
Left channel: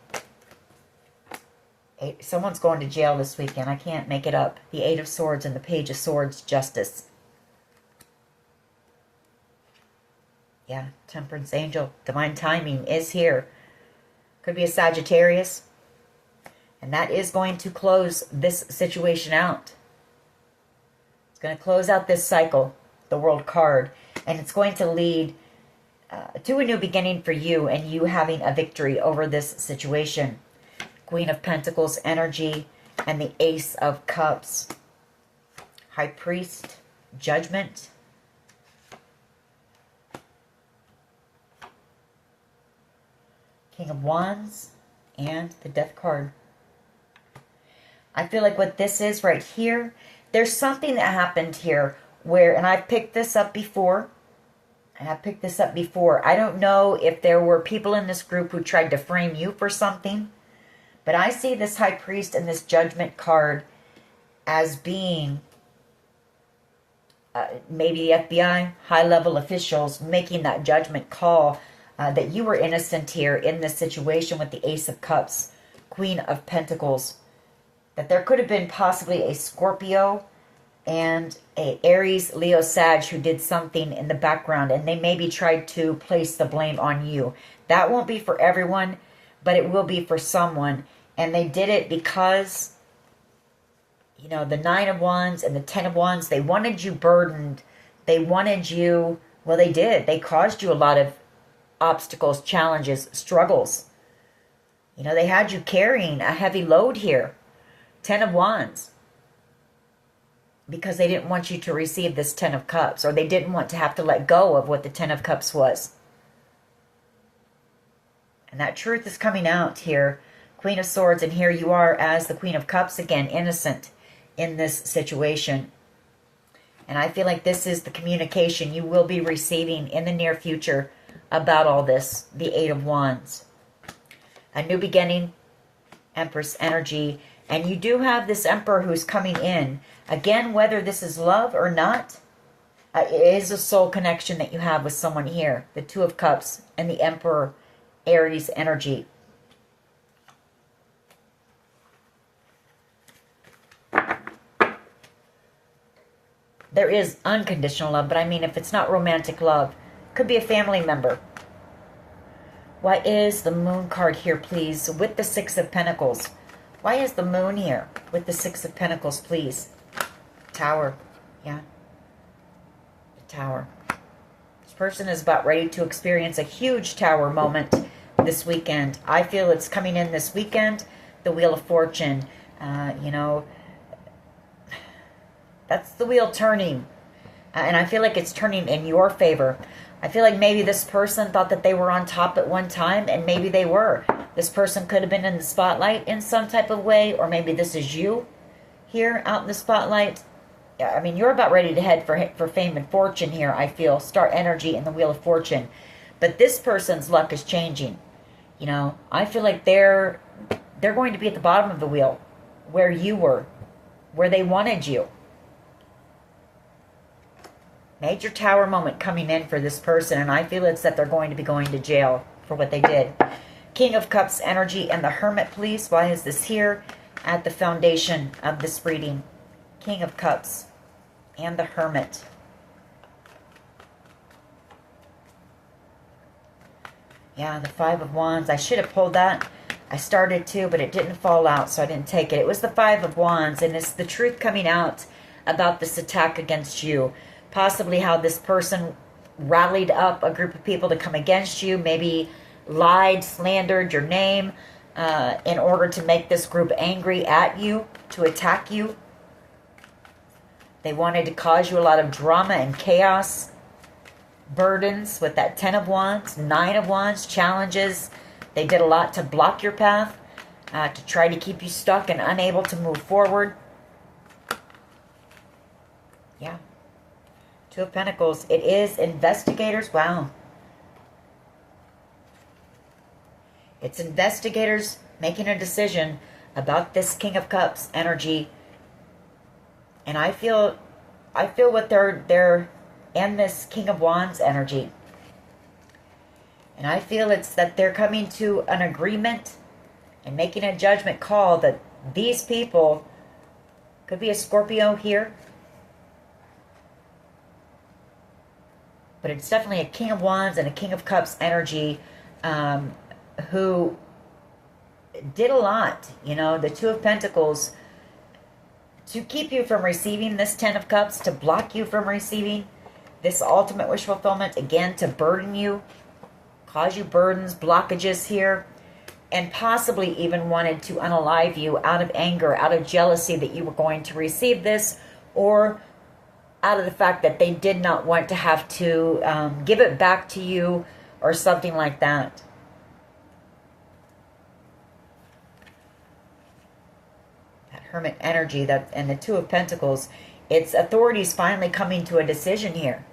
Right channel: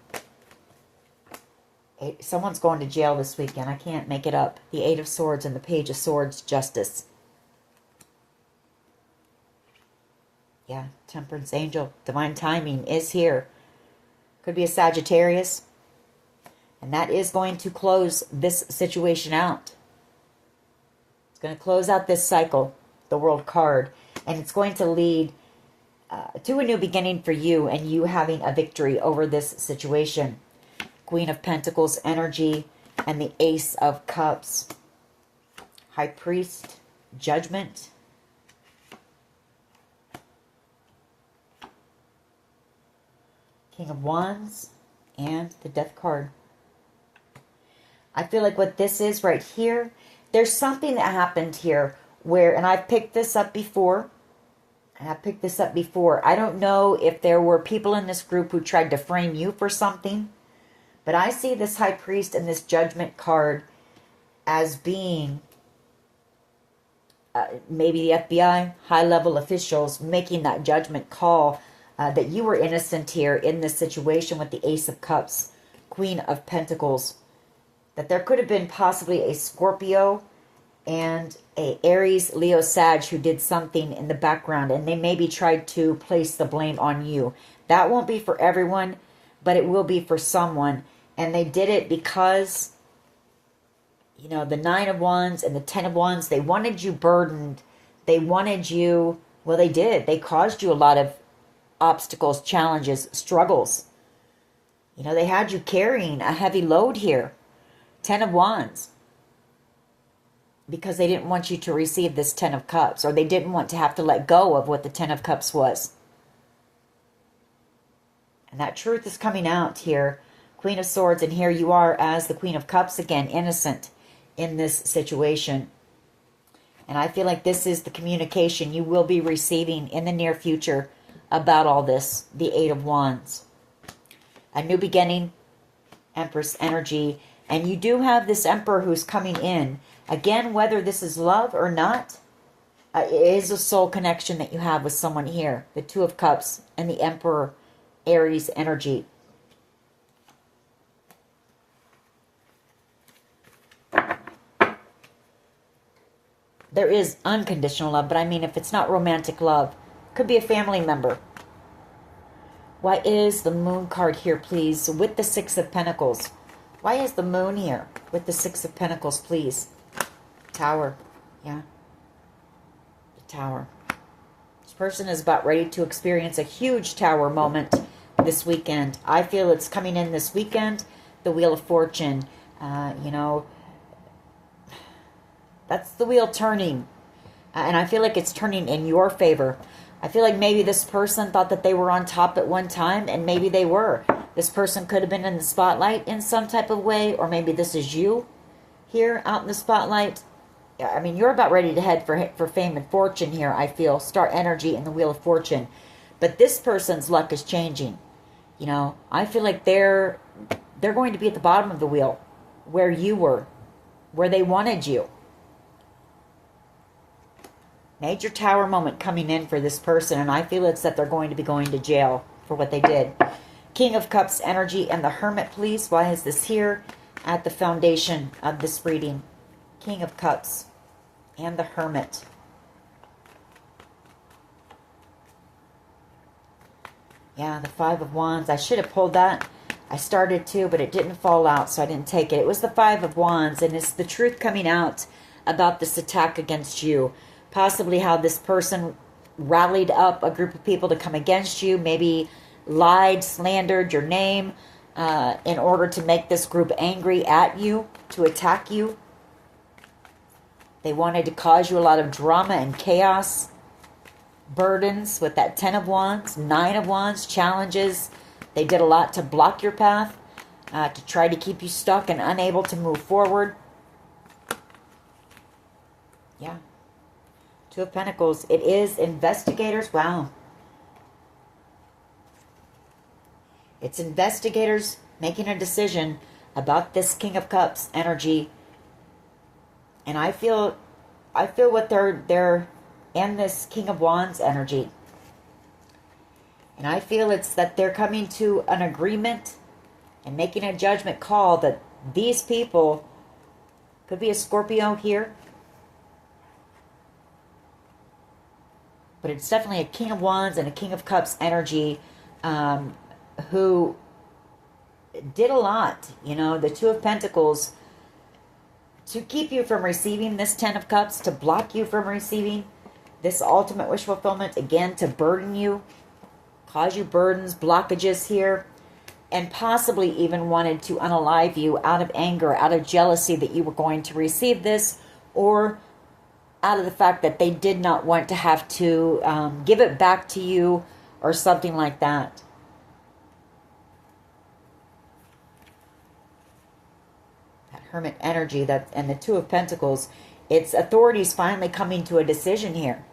Someone's going to jail this weekend. I can't make it up. The 8 of Swords and the Page of Swords, justice. Yeah, Temperance angel, divine timing is here. Could be a Sagittarius. And that is going to close this situation out. It's going to close out this cycle, the World card. And it's going to lead to a new beginning for you, and you having a victory over this situation. Queen of Pentacles energy, and the Ace of Cups. High Priest, Judgment. King of Wands, and the Death card. I feel like what this is right here, there's something that happened here where, and I've picked this up before, I don't know if there were people in this group who tried to frame you for something, but I see this High Priest and this Judgment card as being maybe the FBI, high-level officials making that judgment call that you were innocent here in this situation with the Ace of Cups, Queen of Pentacles. That there could have been possibly a Scorpio and a Aries, Leo, Sag who did something in the background, and they maybe tried to place the blame on you. That won't be for everyone, but it will be for someone. And they did it because, you know, the 9 of Wands and the 10 of Wands, they wanted you burdened. They wanted you, well, they did. They caused you a lot of obstacles, challenges, struggles. You know, they had you carrying a heavy load here. 10 of Wands. Because they didn't want you to receive this 10 of Cups, or they didn't want to have to let go of what the 10 of Cups was. And that truth is coming out here. Queen of Swords, and here you are as the Queen of Cups again, innocent in this situation. And I feel like this is the communication you will be receiving in the near future about all this. The 8 of Wands. A new beginning, Empress energy. And you do have this Emperor who's coming in. Again, whether this is love or not, it is a soul connection that you have with someone here. The 2 of Cups and the Emperor, Aries energy. There is unconditional love, but I mean if it's not romantic love, could be a family member. Why is the Moon card here, please, with the 6 of Pentacles? Why is the Moon here with the 6 of Pentacles, please? Tower, yeah. The Tower. This person is about ready to experience a huge Tower moment this weekend. I feel it's coming in this weekend. The Wheel of Fortune, you know, that's the wheel turning. And I feel like it's turning in your favor. I feel like maybe this person thought that they were on top at one time, and maybe they were. This person could have been in the spotlight in some type of way, or maybe this is you here out in the spotlight. I mean, you're about ready to head for fame and fortune here, I feel. Star energy in the Wheel of Fortune. But this person's luck is changing. You know, I feel like they're going to be at the bottom of the wheel where you were, where they wanted you. Major Tower moment coming in for this person, and I feel it's that they're going to be going to jail for what they did. King of Cups energy and the Hermit, please. Why is this here at the foundation of this reading? King of Cups and the Hermit. Yeah, the 5 of Wands. I should have pulled that. I started to, but it didn't fall out, so I didn't take it. It was the 5 of Wands, and it's the truth coming out about this attack against you. Possibly how this person rallied up a group of people to come against you, maybe lied, slandered your name in order to make this group angry at you, to attack you. They wanted to cause you a lot of drama and chaos, burdens with that 10 of Wands, 9 of Wands, challenges. They did a lot to block your path, to try to keep you stuck and unable to move forward. Yeah. 2 of Pentacles. It is investigators. Wow. It's investigators making a decision about this King of Cups energy. And I feel what they're and this King of Wands energy. And I feel it's that they're coming to an agreement and making a judgment call that these people, could be a Scorpio here, but it's definitely a King of Wands and a King of Cups energy who did a lot. You know, the 2 of Pentacles, to keep you from receiving this 10 of Cups, to block you from receiving this ultimate wish fulfillment, again, to burden you, cause you burdens, blockages here. and possibly even wanted to unalive you out of anger, out of jealousy that you were going to receive this, or out of the fact that they did not want to have to give it back to you or something like that. That Hermit energy, that, and the Two of Pentacles, it's authorities finally coming to a decision here.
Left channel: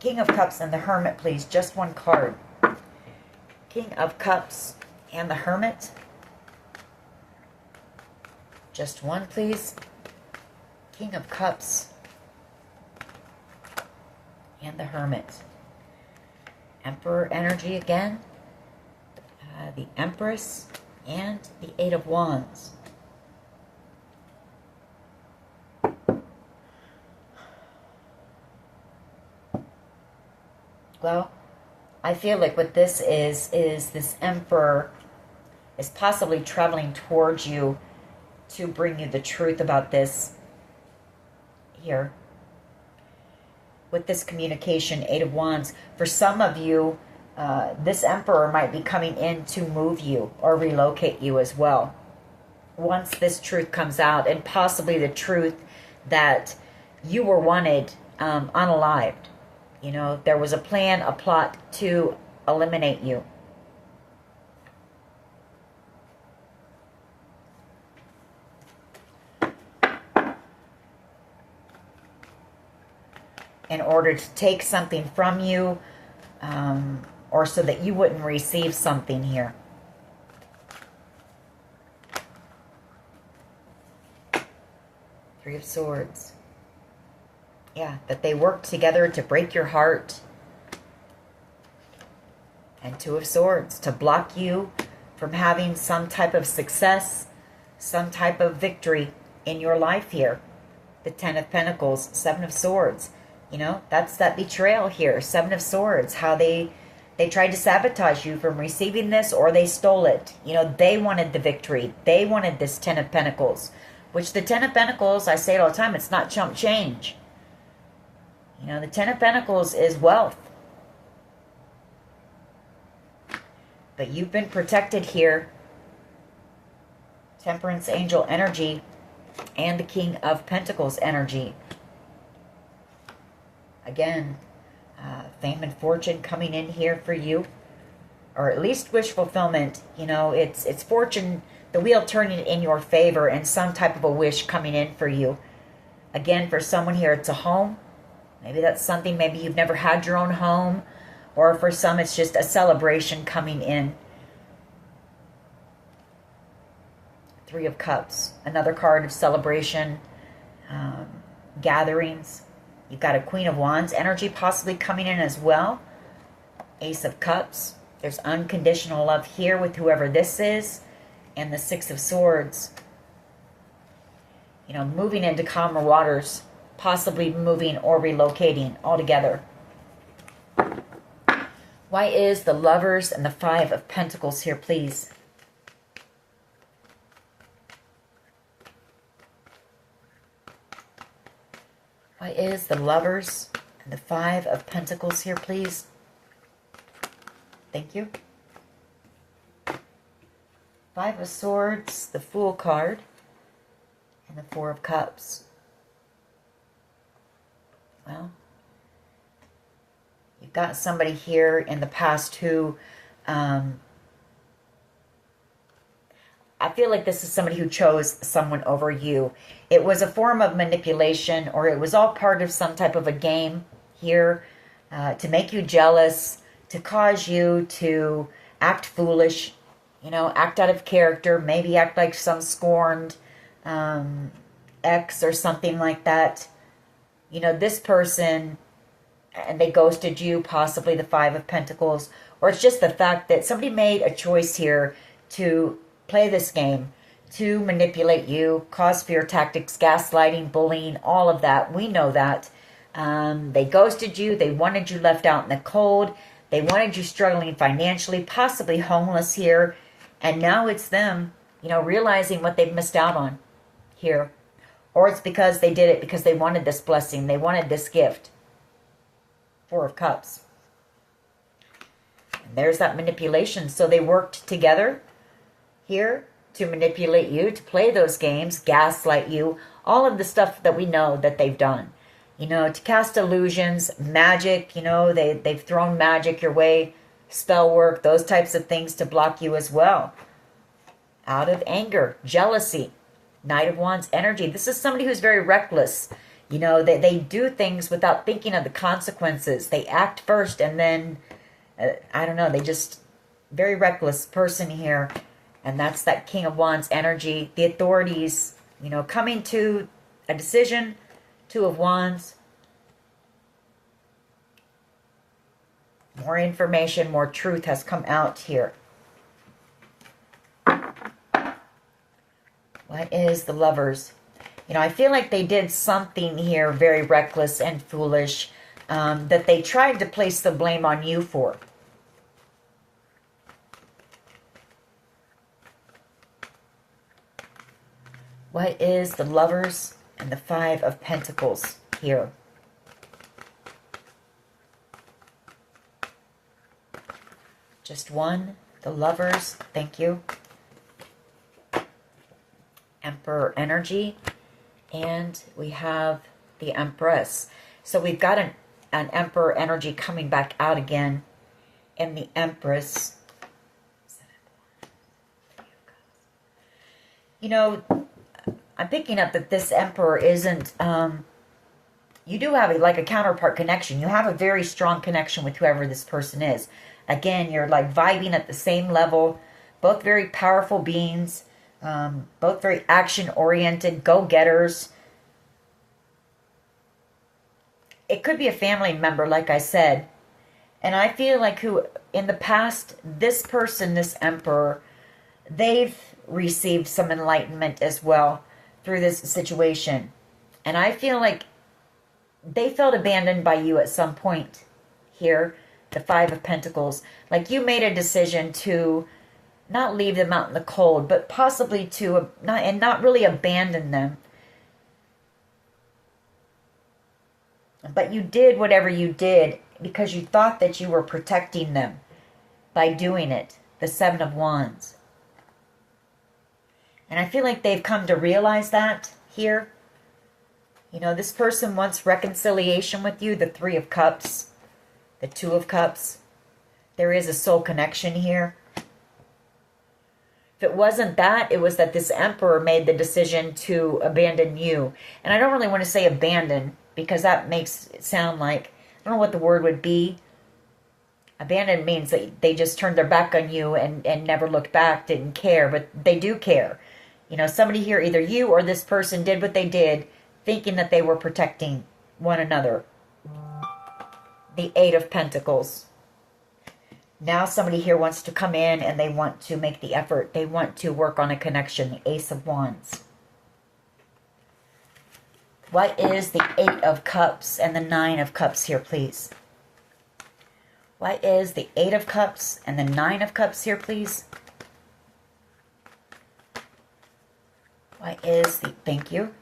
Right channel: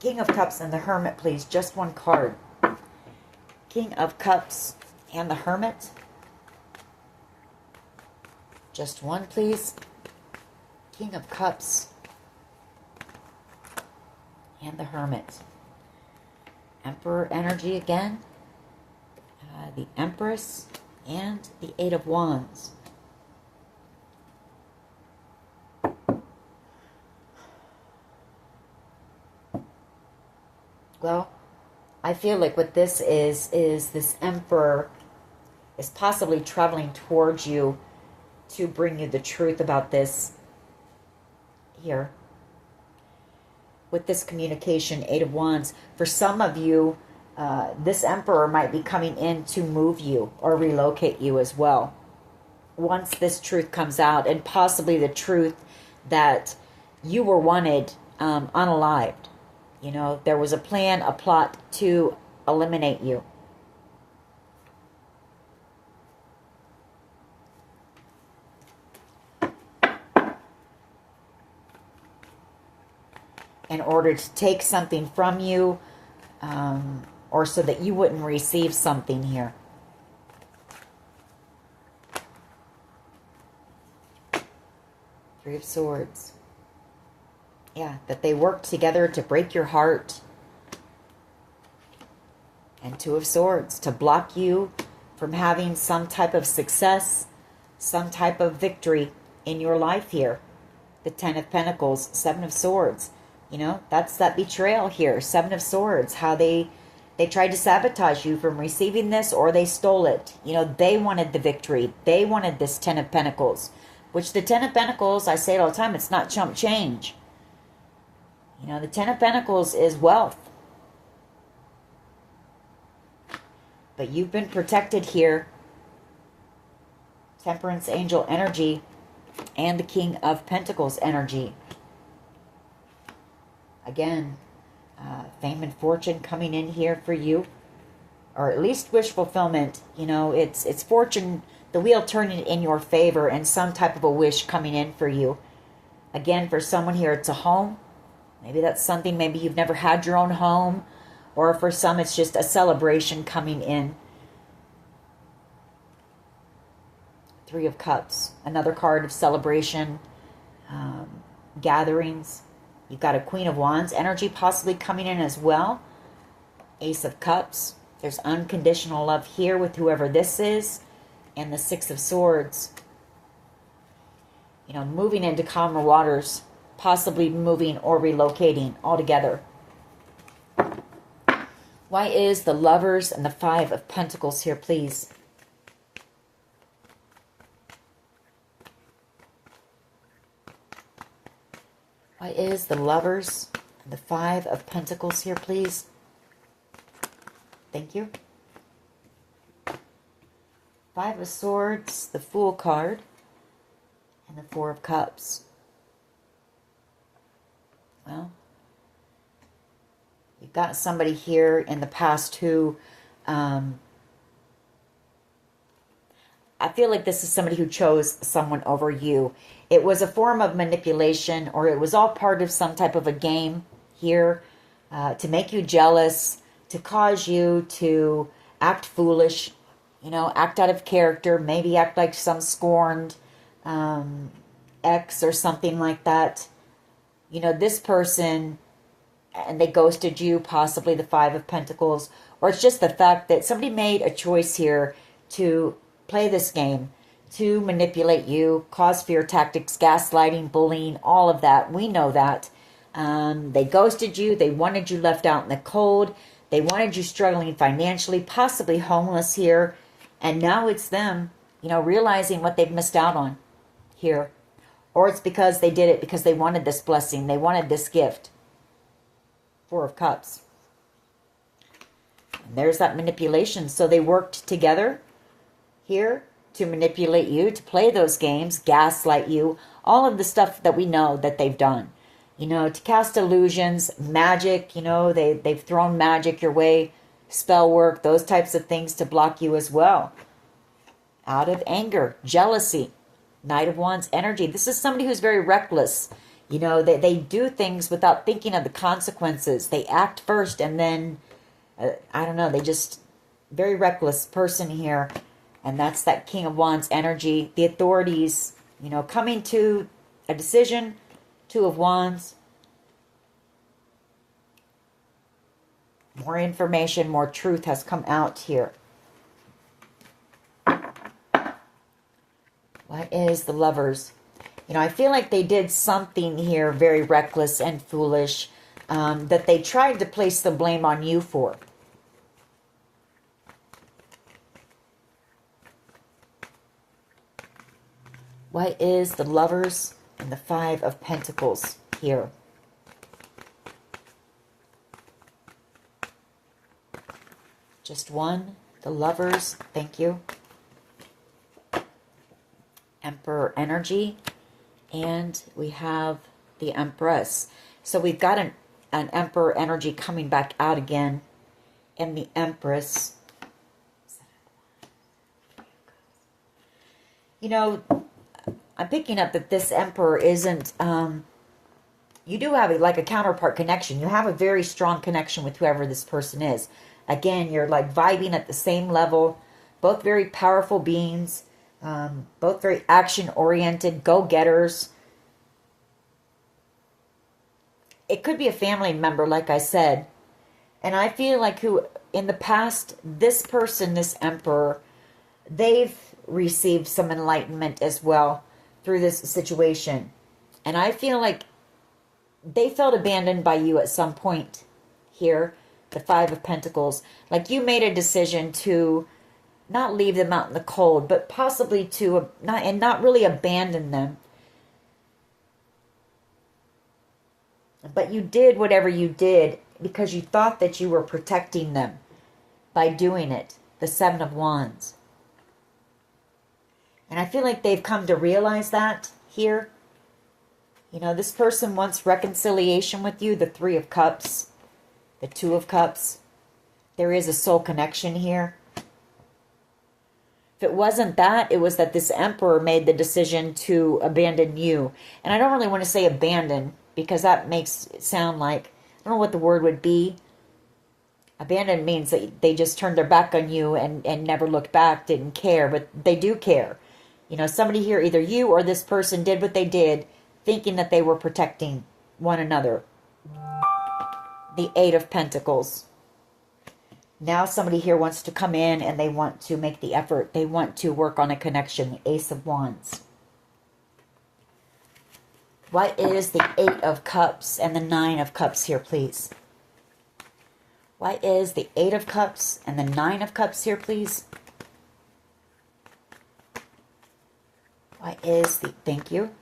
King of Cups and the Hermit, please. Just one card. King of Cups and the Hermit. Just one, please. King of Cups and the Hermit. Emperor energy again. The Empress and the Eight of Wands. Well, I feel like what this is this Emperor is possibly traveling towards you to bring you the truth about this here. With this communication, Eight of Wands, for some of you, this Emperor might be coming in to move you or relocate you as well. Once this truth comes out, and possibly the truth that you were wanted unalived. You know, there was a plan, a plot to eliminate you. In order to take something from you, or so that you wouldn't receive something here. Three of Swords. Yeah, that they worked together to break your heart. And Two of Swords, to block you from having some type of success, some type of victory in your life here. The Ten of Pentacles, Seven of Swords. You know, that's that betrayal here. Seven of Swords, how they tried to sabotage you from receiving this, or they stole it. You know, they wanted the victory. They wanted this Ten of Pentacles. Which the Ten of Pentacles, I say it all the time, it's not chump change. You know, the Ten of Pentacles is wealth. But you've been protected here. Temperance Angel energy and the King of Pentacles energy. Again, fame and fortune coming in here for you. Or at least wish fulfillment. You know, it's fortune, the wheel turning in your favor, and some type of a wish coming in for you. Again, for someone here, it's a home. Maybe that's something, maybe you've never had your own home. Or for some, it's just a celebration coming in. Three of Cups. Another card of celebration. Gatherings. You've got a Queen of Wands energy possibly coming in as well. Ace of Cups. There's unconditional love here with whoever this is. And the Six of Swords. You know, moving into calmer waters. Possibly moving or relocating altogether. Why is the Lovers and the Five of Pentacles here, please? Why is the Lovers and the Five of Pentacles here, please? Thank you. Five of Swords, the Fool card, and the Four of Cups. Well, you've got somebody here in the past who, I feel like this is somebody who chose someone over you. It was a form of manipulation, or it was all part of some type of a game here to make you jealous, to cause you to act foolish, you know, act out of character, maybe act like some scorned ex or something like that. You know, this person, and they ghosted you, possibly the Five of Pentacles, or it's just the fact that somebody made a choice here to play this game, to manipulate you, cause fear tactics, gaslighting, bullying, all of that. We know that. They ghosted you. They wanted you left out in the cold. They wanted you struggling financially, possibly homeless here. And now it's them, you know, realizing what they've missed out on here. Or it's because they did it because they wanted this blessing. They wanted this gift. Four of Cups. And there's that manipulation. So they worked together here to manipulate you, to play those games, gaslight you, all of the stuff that we know that they've done. You know, to cast illusions, magic, you know, they've thrown magic your way, spell work, those types of things to block you as well. Out of anger, jealousy, Knight of Wands energy. This is somebody who's very reckless. You know, they do things without thinking of the consequences. They act first and then, I don't know, they just, very reckless person here. And that's that King of Wands energy. The authorities, you know, coming to a decision. Two of Wands. More information, more truth has come out here. What is the Lovers? You know, I feel like they did something here very reckless and foolish that they tried to place the blame on you for. What is the Lovers and the Five of Pentacles here? Just one. The Lovers. Thank you. Emperor energy. And we have the Empress. So we've got an Emperor energy coming back out again. And the Empress. You know, I'm picking up that this Emperor isn't, you do have like a counterpart connection. You have a very strong connection with whoever this person is. Again, you're like vibing at the same level. Both very powerful beings. Both very action-oriented, go-getters. It could be a family member, like I said. And I feel like who, in the past, this person, this Emperor, they've received some enlightenment as well through this situation. And I feel like they felt abandoned by you at some point here. The Five of Pentacles. Like you made a decision to not leave them out in the cold, but possibly to not really abandon them. But you did whatever you did because you thought that you were protecting them by doing it. The Seven of Wands. And I feel like they've come to realize that here. You know, this person wants reconciliation with you. The Three of Cups. The Two of Cups. There is a soul connection here. If it wasn't that, it was that this Emperor made the decision to abandon you. And I don't really want to say abandon, because that makes it sound like, I don't know what the word would be. Abandon means that they just turned their back on you and never looked back, didn't care, but they do care. You know, somebody here, either you or this person did what they did, thinking that they were protecting one another. The Eight of Pentacles. Now somebody here wants to come in and they want to make the effort. They want to work on a connection. The Ace of Wands. What is the Eight of Cups and the Nine of Cups here, please? What is the Eight of Cups and the Nine of Cups here, please? What is the, thank you.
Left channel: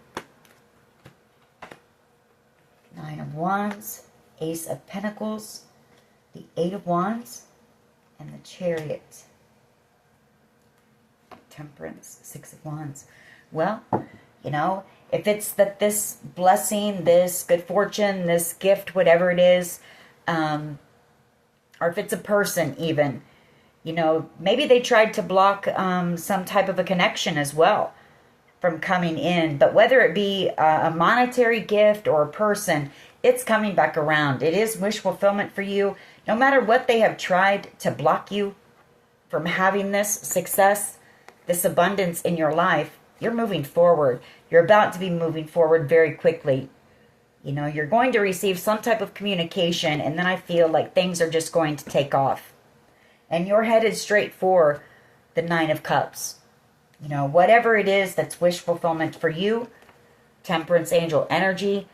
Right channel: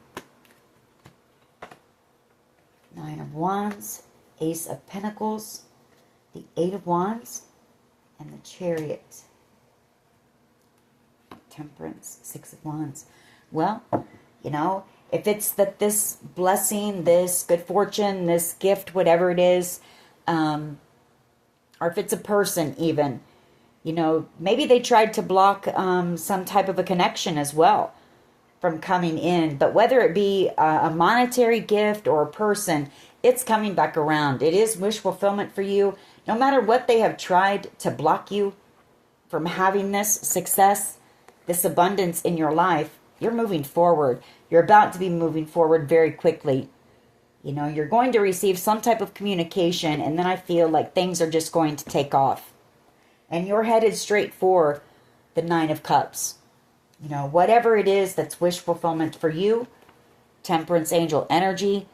Nine of Wands, Ace of Pentacles, the Eight of Wands, and the Chariot. Temperance, Six of Wands. Well, you know, if it's that this blessing, this good fortune, this gift, whatever it is, or if it's a person even, you know, maybe they tried to block some type of a connection as well from coming in. But whether it be a monetary gift or a person, it's coming back around. It is wish fulfillment for you. No matter what they have tried to block you from having this success, this abundance in your life, you're moving forward. You're about to be moving forward very quickly. You know, you're going to receive some type of communication, and then I feel like things are just going to take off. And you're headed straight for the Nine of Cups. You know, whatever it is that's wish fulfillment for you, Temperance Angel energy,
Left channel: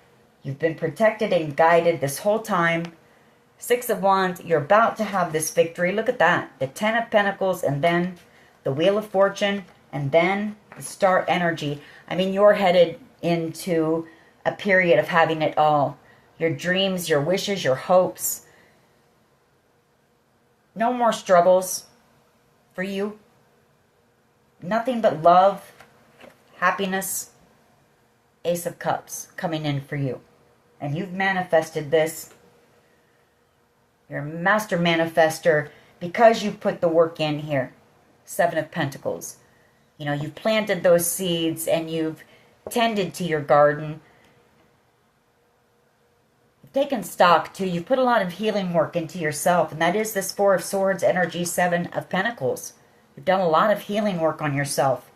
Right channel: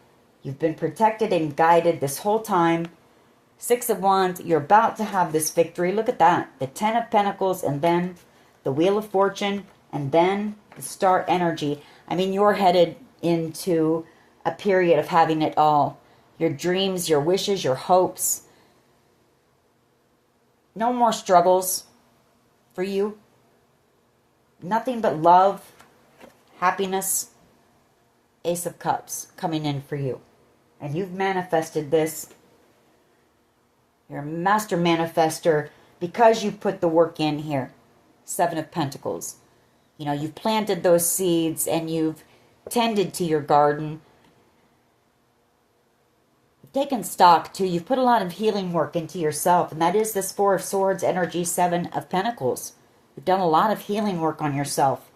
you've been protected and guided this whole time. Six of Wands, you're about to have this victory. Look at that. The Ten of Pentacles, and then the Wheel of Fortune, and then the Star energy. I mean, you're headed into a period of having it all. Your dreams, your wishes, your hopes. No more struggles for you. Nothing but love, happiness, Ace of Cups coming in for you. And you've manifested this. You're a master manifester because you put the work in here. Seven of Pentacles. You know, you've planted those seeds and you've tended to your garden. You've taken stock too. You've put a lot of healing work into yourself. And that is this Four of Swords energy, Seven of Pentacles. You've done a lot of healing work on yourself.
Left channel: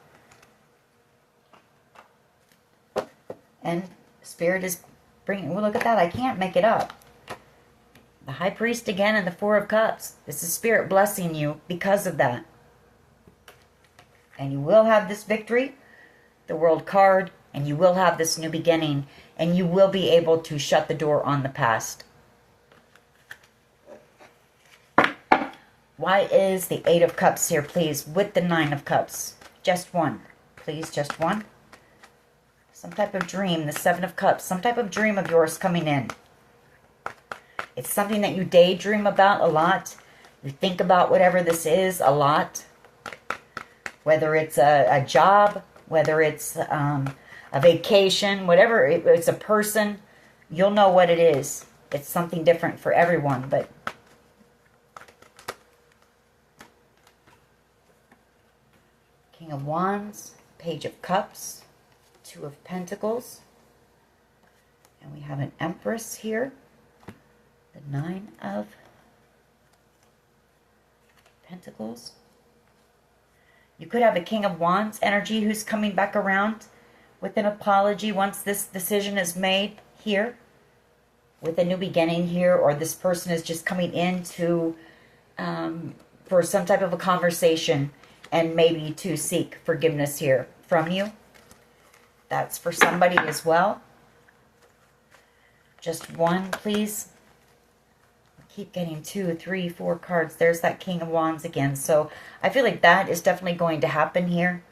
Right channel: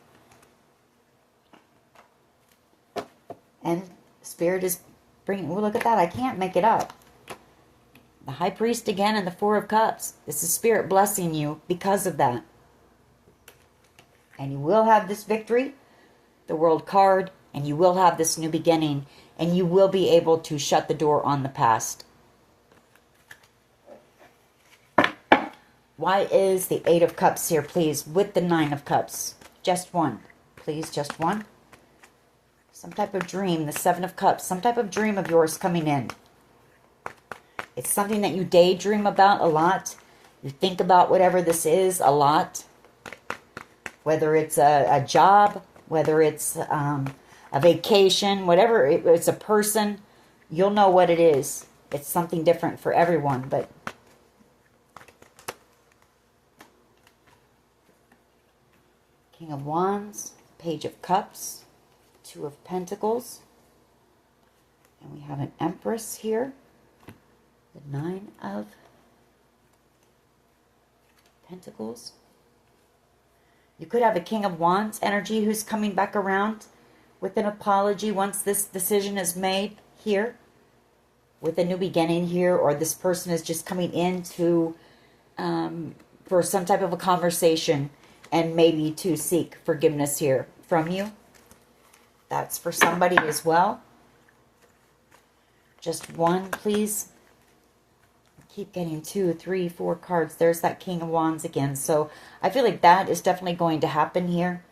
And Spirit is bringing, well, look at that. I can't make it up. The High Priest again and the Four of Cups. This is Spirit blessing you because of that. And you will have this victory, the World card, and you will have this new beginning. And you will be able to shut the door on the past. Why is the Eight of Cups here, please, with the Nine of Cups? Just one. Please, just one. Some type of dream, the Seven of Cups. Some type of dream of yours coming in. It's something that you daydream about a lot. You think about whatever this is a lot. Whether it's a job, whether it's a vacation, whatever, it's a person, you'll know what it is. It's something different for everyone, but King of Wands, Page of Cups, Two of Pentacles, and we have an Empress here, the Nine of Pentacles. You could have a King of Wands energy who's coming back around with an apology once this decision is made here, with a new beginning here, or this person is just coming in to for some type of a conversation and maybe to seek forgiveness here from you. That's for somebody as well. Just one, please. Keep getting 2, 3, 4 cards. There's that King of Wands again. So I feel like that is definitely going to happen here.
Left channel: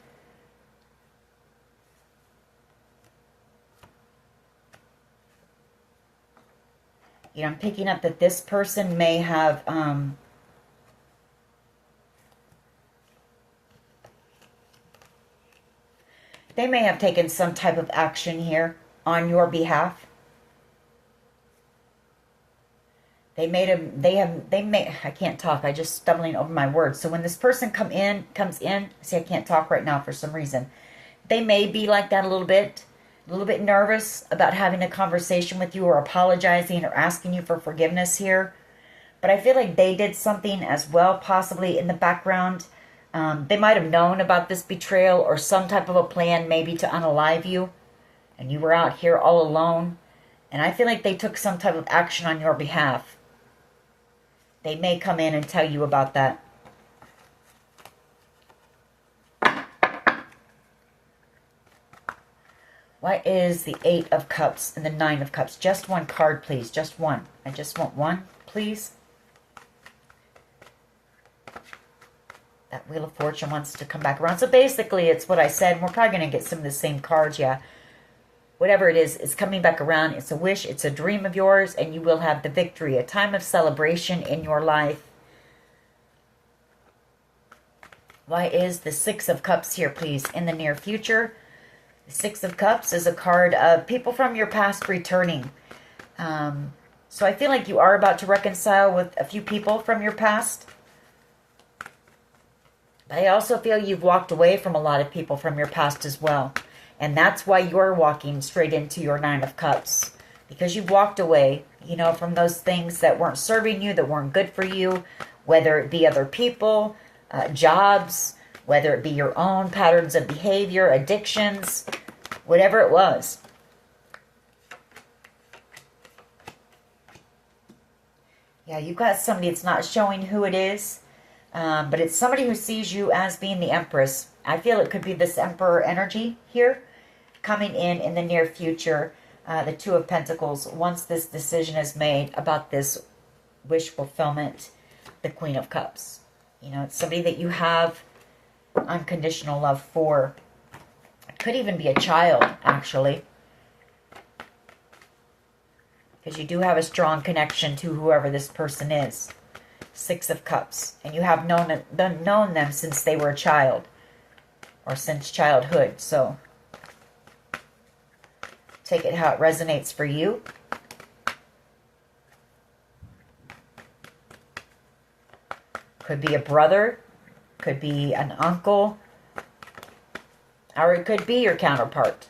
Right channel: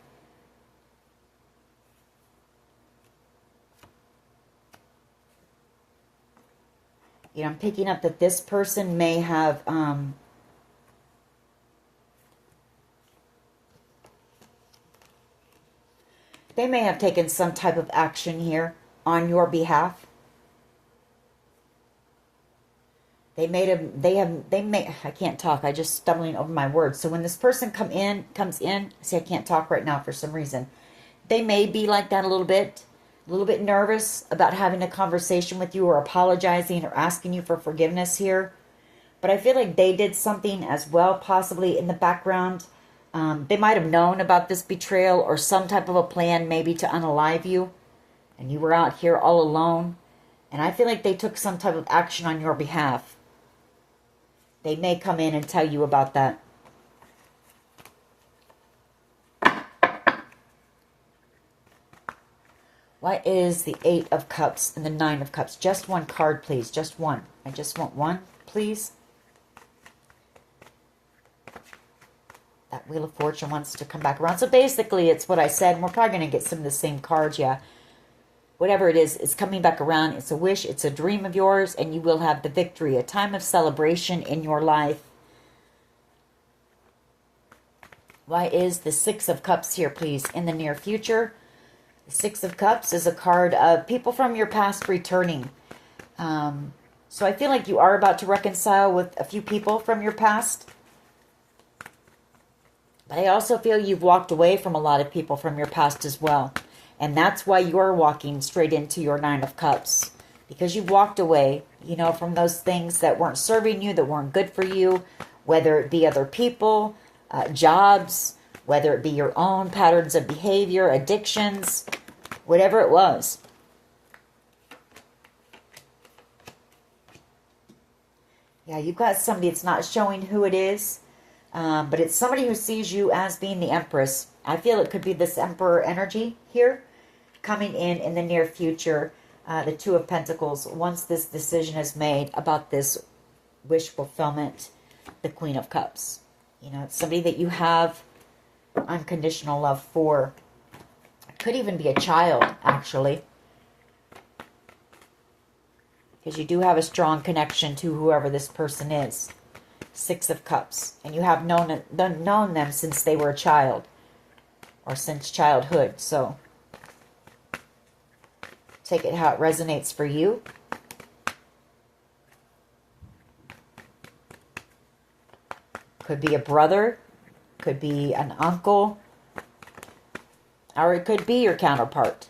You know, I'm picking up that this person may have they may have taken some type of action here on your behalf. They may, I can't talk, I just stumbling over my words. So when this person comes in, see, I can't talk right now for some reason. They may be like that a little bit nervous about having a conversation with you or apologizing or asking you for forgiveness here. But I feel like they did something as well, possibly in the background. They might have known about this betrayal or some type of a plan maybe to unalive you. And you were out here all alone. And I feel like they took some type of action on your behalf. They may come in and tell you about that. Why is the Eight of Cups and the Nine of Cups? Just one card, please. Just one. I just want one, please. That Wheel of Fortune wants to come back around. So basically, it's what I said. We're probably going to get some of the same cards, yeah. Whatever it is coming back around. It's a wish, it's a dream of yours, and you will have the victory. A time of celebration in your life. Why is the Six of Cups here, please, in the near future? The Six of Cups is a card of people from your past returning. So I feel like you are about to reconcile with a few people from your past. But I also feel you've walked away from a lot of people from your past as well. And that's why you're walking straight into your Nine of Cups. Because you've walked away, you know, from those things that weren't serving you, that weren't good for you. Whether it be other people, jobs, whether it be your own patterns of behavior, addictions, whatever it was. Yeah, you've got somebody, it's not showing who it is. But it's somebody who sees you as being the Empress. I feel it could be this Emperor energy here coming in the near future. The Two of Pentacles, once this decision is made about this wish fulfillment, the Queen of Cups. You know, it's somebody that you have unconditional love for. Could even be a child, actually. Because you do have a strong connection to whoever this person is. Six of Cups. And you have known them since they were a child. Or since childhood. So, take it how it resonates for you. Could be a brother. Could be an uncle. Or it could be your counterpart.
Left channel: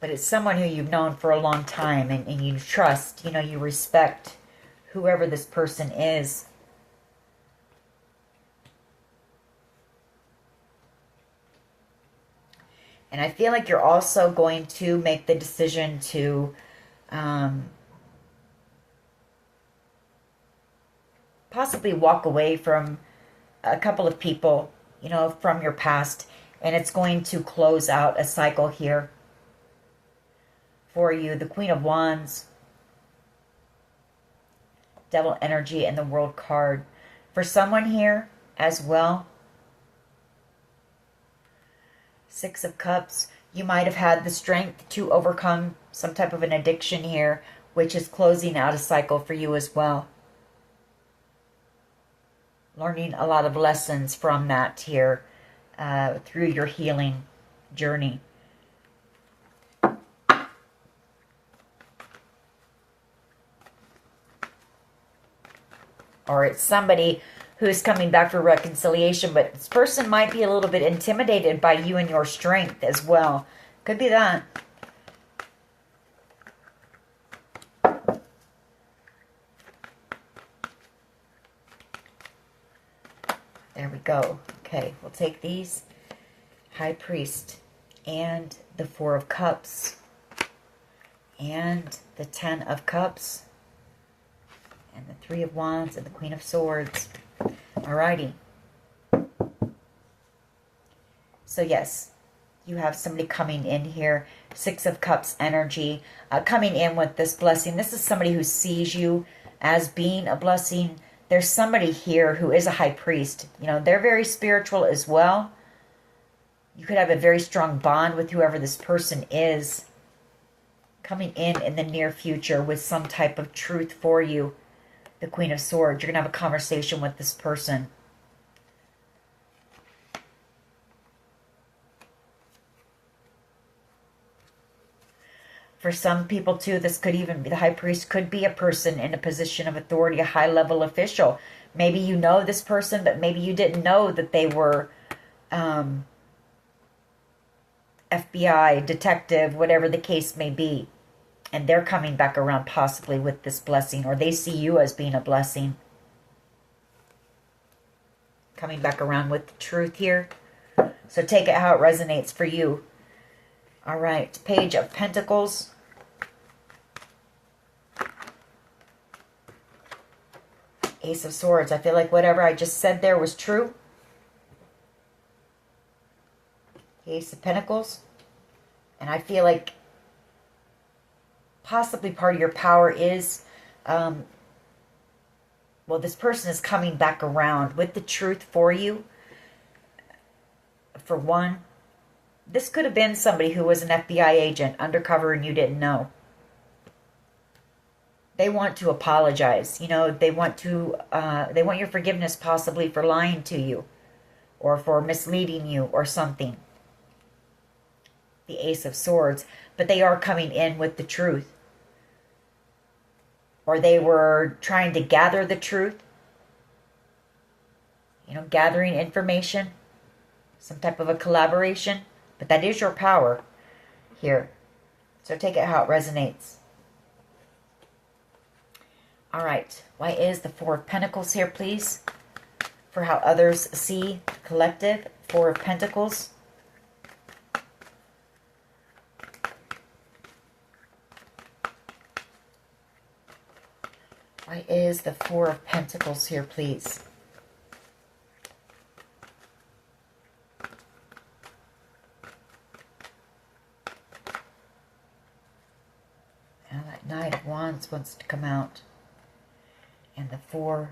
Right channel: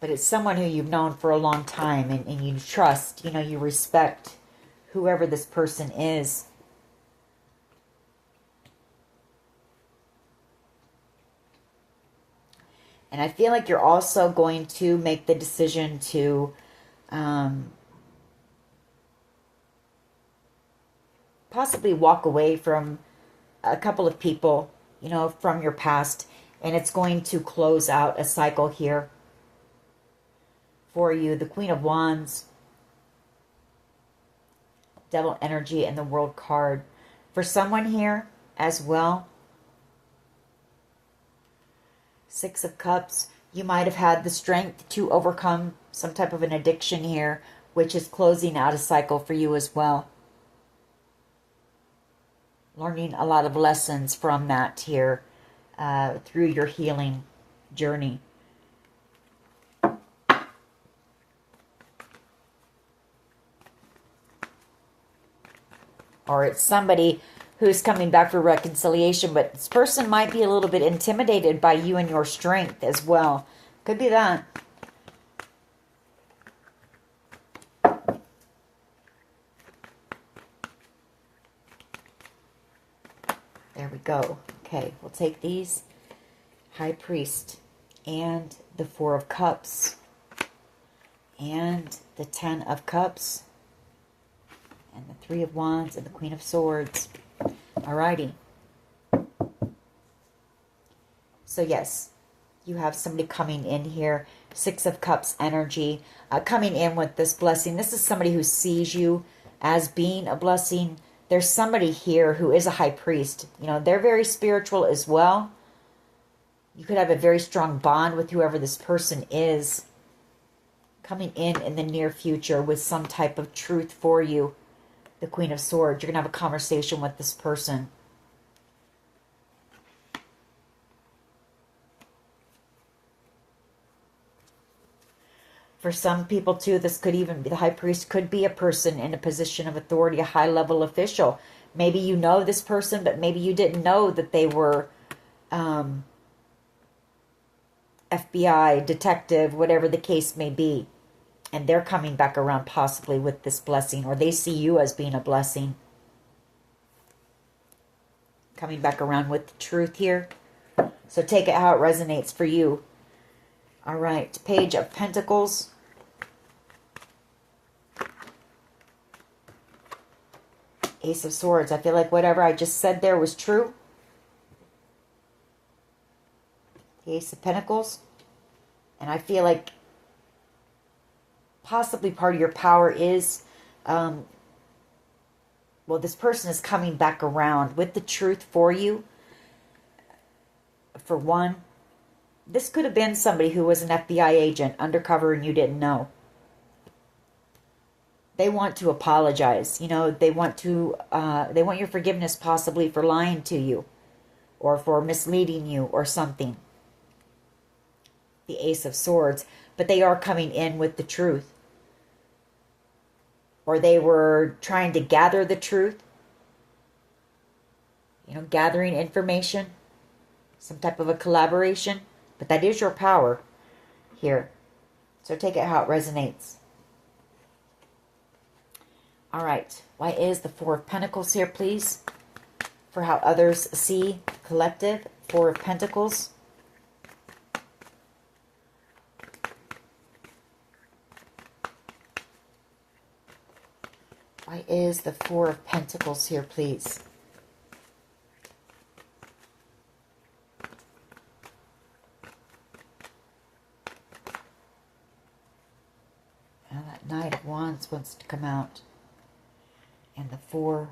But it's someone who you've known for a long time and you trust, you know, you respect whoever this person is. And I feel like you're also going to make the decision to possibly walk away from a couple of people, you know, from your past. And it's going to close out a cycle here for you. The Queen of Wands, Devil energy, and the World card. For someone here as well, Six of Cups, you might have had the strength to overcome some type of an addiction here, which is closing out a cycle for you as well. Learning a lot of lessons from that here through your healing journey. Or it's somebody who's coming back for reconciliation, but this person might be a little bit intimidated by you and your strength as well. Could be that. There we go. Okay, we'll take these. High Priest and the Four of Cups and the Ten of Cups and the Three of Wands and the Queen of Swords. Alrighty. So yes, you have somebody coming in here. Six of Cups energy coming in with this blessing. This is somebody who sees you as being a blessing. There's somebody here who is a high priest. You know, they're very spiritual as well. You could have a very strong bond with whoever this person is coming in the near future with some type of truth for you. The Queen of Swords. You're going to have a conversation with this person. For some people, too, this could even be, the High Priest could be a person in a position of authority, a high-level official. Maybe you know this person, but maybe you didn't know that they were FBI, detective, whatever the case may be. And they're coming back around possibly with this blessing, or they see you as being a blessing. Coming back around with the truth here. So take it how it resonates for you. All right, Page of Pentacles. Ace of Swords. I feel like whatever I just said there was true. The Ace of Pentacles. And I feel like possibly part of your power is, well, this person is coming back around with the truth for you. For one, this could have been somebody who was an FBI agent undercover and you didn't know. They want to apologize. You know, they want your forgiveness possibly for lying to you or for misleading you or something. The Ace of Swords. But they are coming in with the truth. Or they were trying to gather the truth. You know, gathering information. Some type of a collaboration. But that is your power here. So take it how it resonates. All right. Why is the Four of Pentacles here, please? For how others see collective. Four of Pentacles. Why is the Four of Pentacles here, please? Now that Knight of Wands wants to come out. And the Four